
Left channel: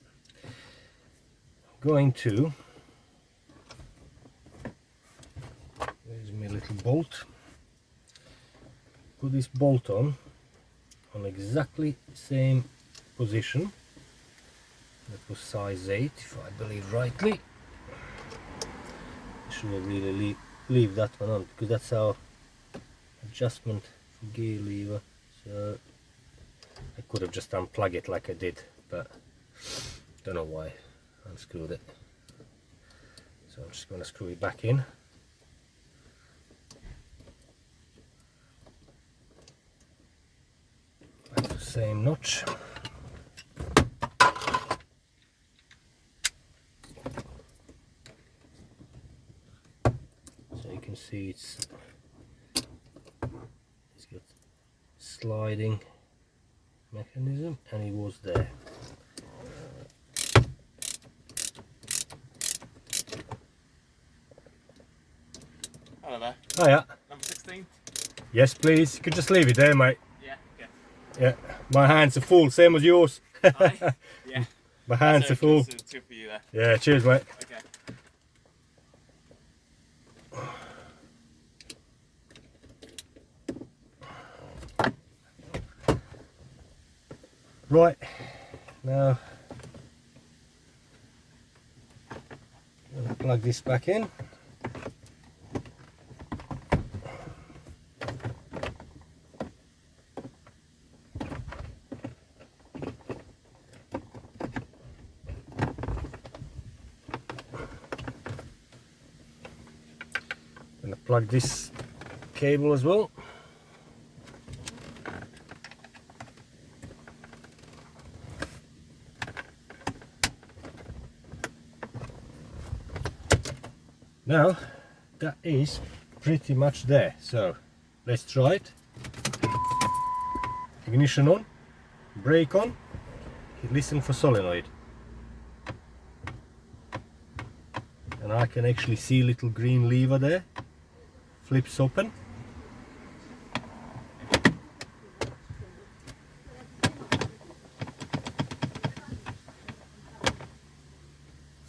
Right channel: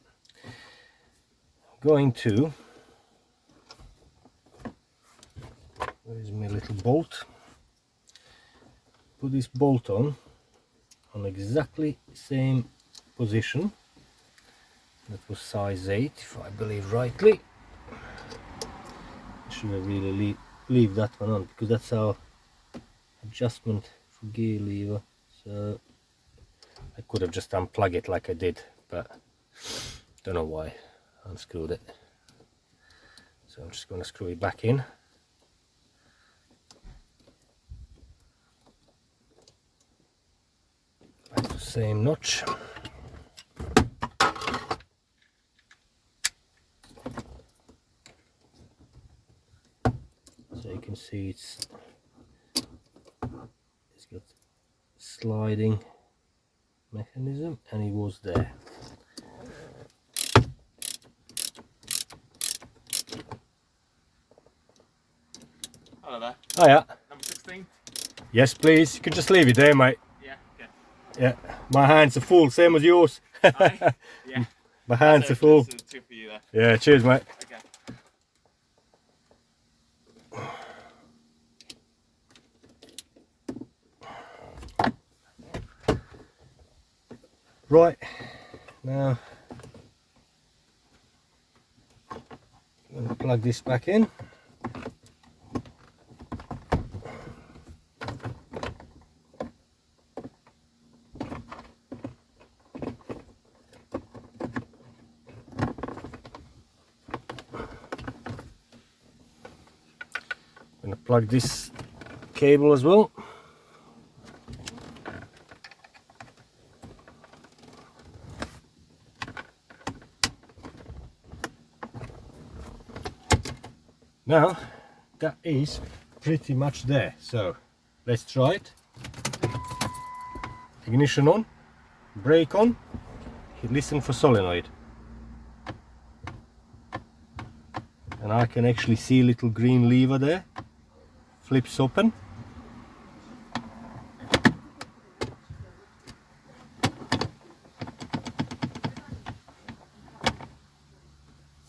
Going to, where's my little bolt? Put this bolt on exactly same position. That was size 8, if I believe rightly. I should have really leave that one on, because that's our adjustment for gear lever. So I could have just unplugged it like I did, but don't know why I unscrewed it. So I'm just going to screw it back in. Back to the same notch. So you can see it's got sliding mechanism, and it was there. Hello there. Oh yeah. Number 16? Yes please, you can just leave it there mate. Yeah, okay. Yeah, my hands are full, same as yours. Aye? Yeah. My hands are full. Two for you there. Yeah, cheers mate. Okay. Right, now I'm going to plug this back in. I'm going to plug this cable as well. Now that is pretty much there, so let's try it. Ignition on, brake on, listen for solenoid, and I can actually see a little green lever there, flips open.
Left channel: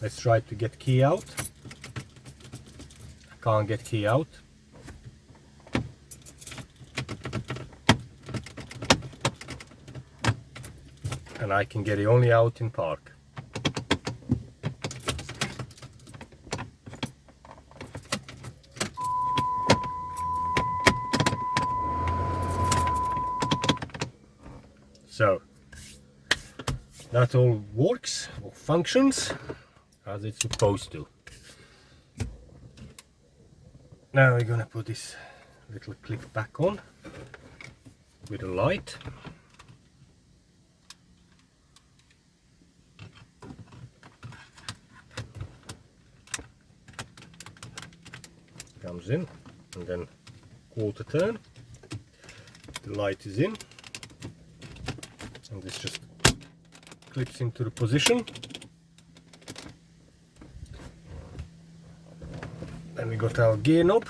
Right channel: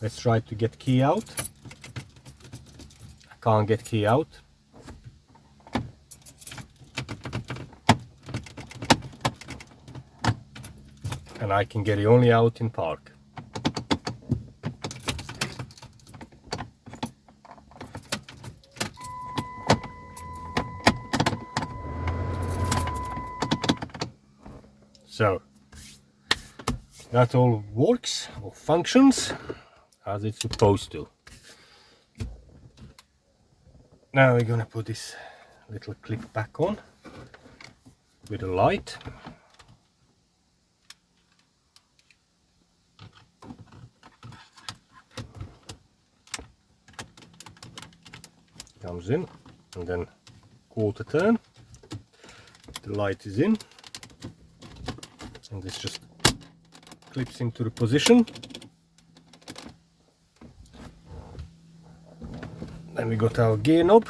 Let's try to get key out. Can't get key out. And I can get it only out in park. So that all works or functions as it's supposed to. Now we're going to put this little clip back on with a light. Comes in, and then quarter turn, the light is in, and this just clips into the position. Then we got our gear knob,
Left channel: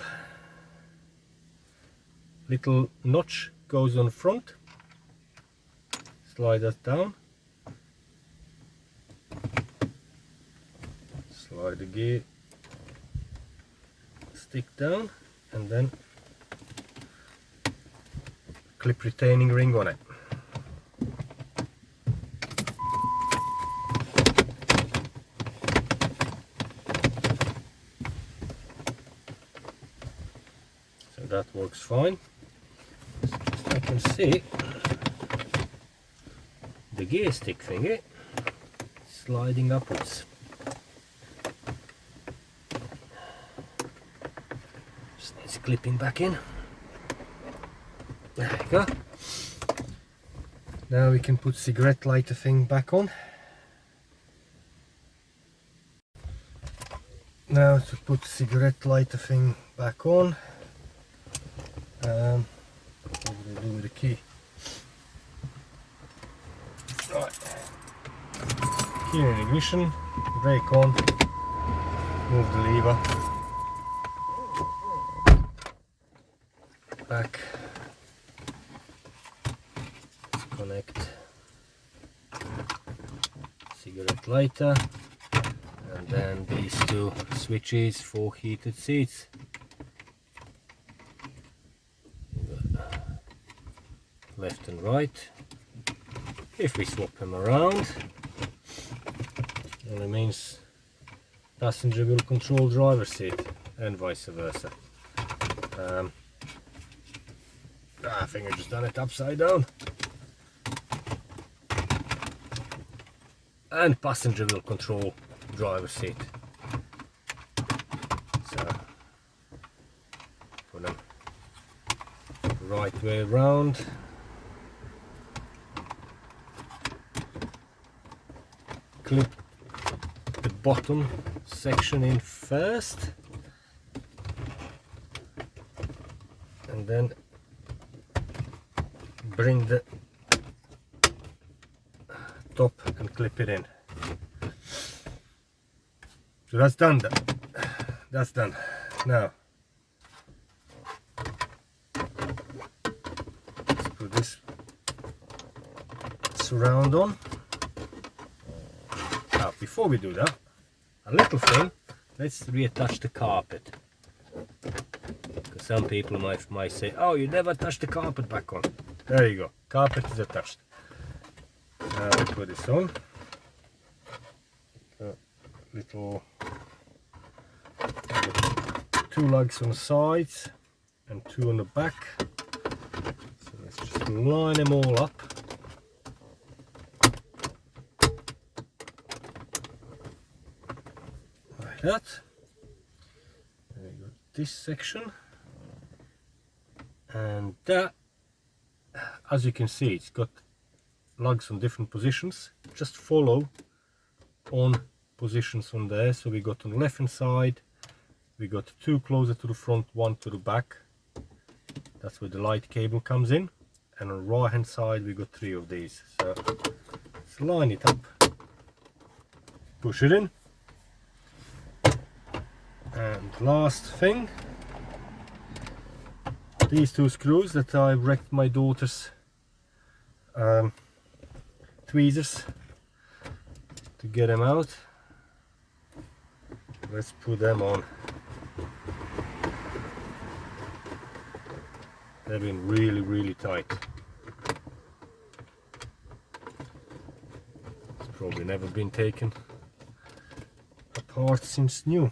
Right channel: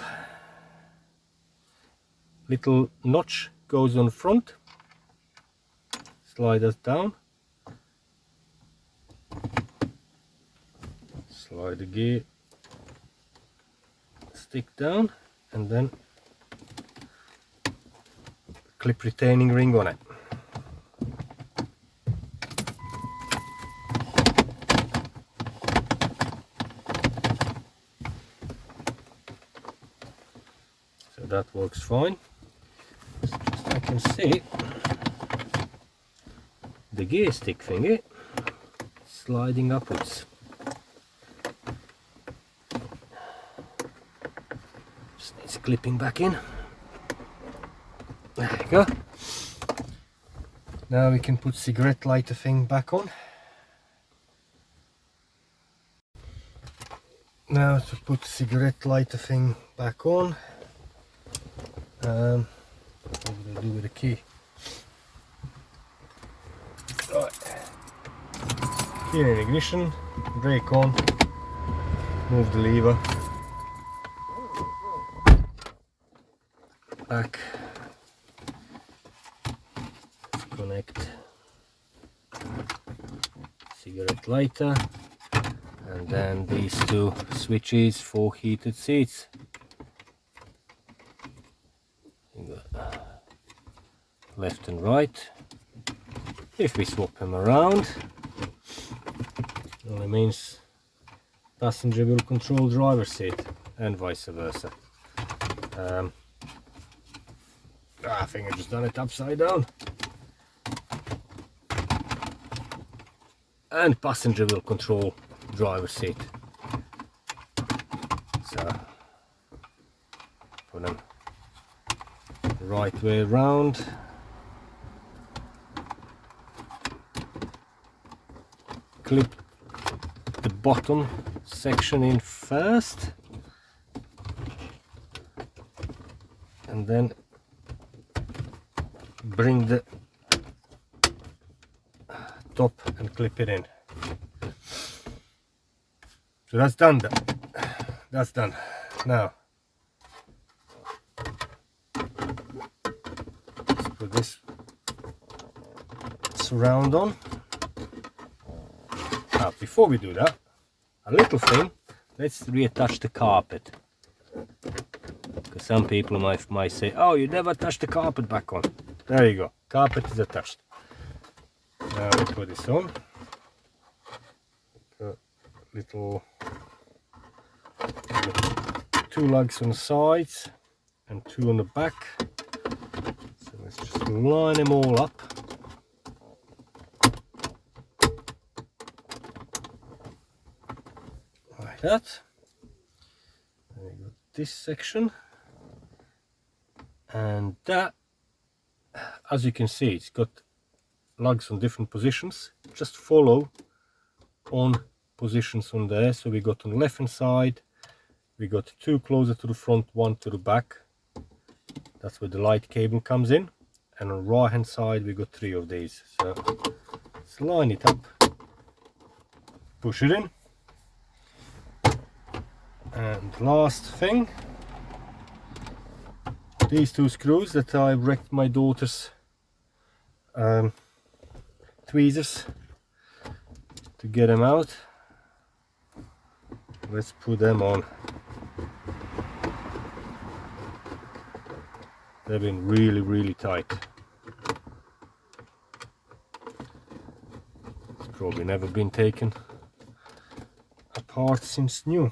little notch goes on front, slide that down, slide the gear stick down, and then clip retaining ring on it. So that works fine. I can see the gear stick thingy sliding upwards. It's clipping back in. There we go. Now we can put cigarette lighter thing back on. Now to put cigarette lighter thing back on, what do I do with the key? Right. Key in ignition, brake on, move the lever, back, connect cigarette lighter, and then these two switches for heated seats. Left and right. If we swap them around, it only means passenger will control driver's seat and vice versa. I think I just done it upside down. And passenger will control driver's seat. So put them right way around. Clip the bottom section in first, and then bring the top and clip it in. So that's done. That's done. Now let's put this surround on. Now before we do that, a little thing, let's reattach the carpet. Because some people might say, oh, you never touch the carpet back on. There you go, carpet is attached. Now we put this on. Little 2 lugs on the sides and 2 on the back. So let's just line them all up. Like that. And we got this section. And that, as you can see, it's got lugs on different positions. Just follow on positions on there. So we got on the left hand side, we got 2 closer to the front, 1 to the back. That's where the light cable comes in. And on the right hand side we got 3 of these. So let's line it up, push it in. And last thing, these 2 screws that I wrecked my daughter's tweezers to get them out. Let's put them on. They've been really tight. It's probably never been taken apart since new.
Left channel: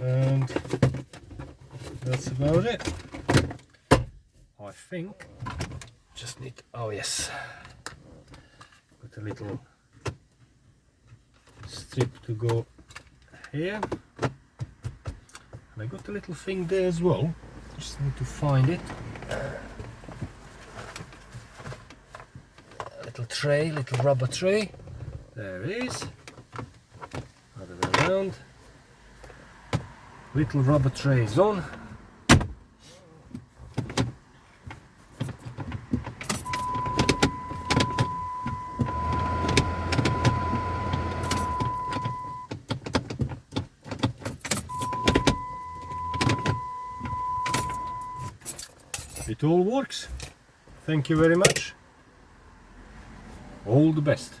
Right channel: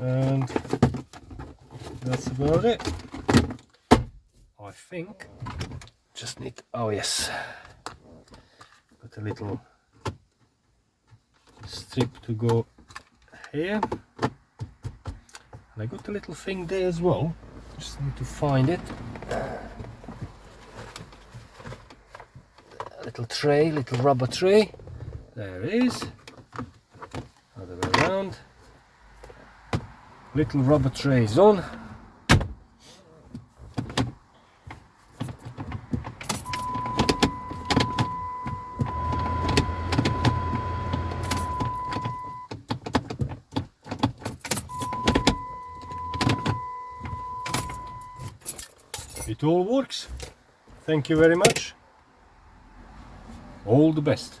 And that's about it. I think just need, oh yes, got a little strip to go here, and I got a little thing there as well, just need to find it. A little tray, little rubber tray, there it is, other way around. Little rubber tray is on. It all works. Thank you very much. All the best.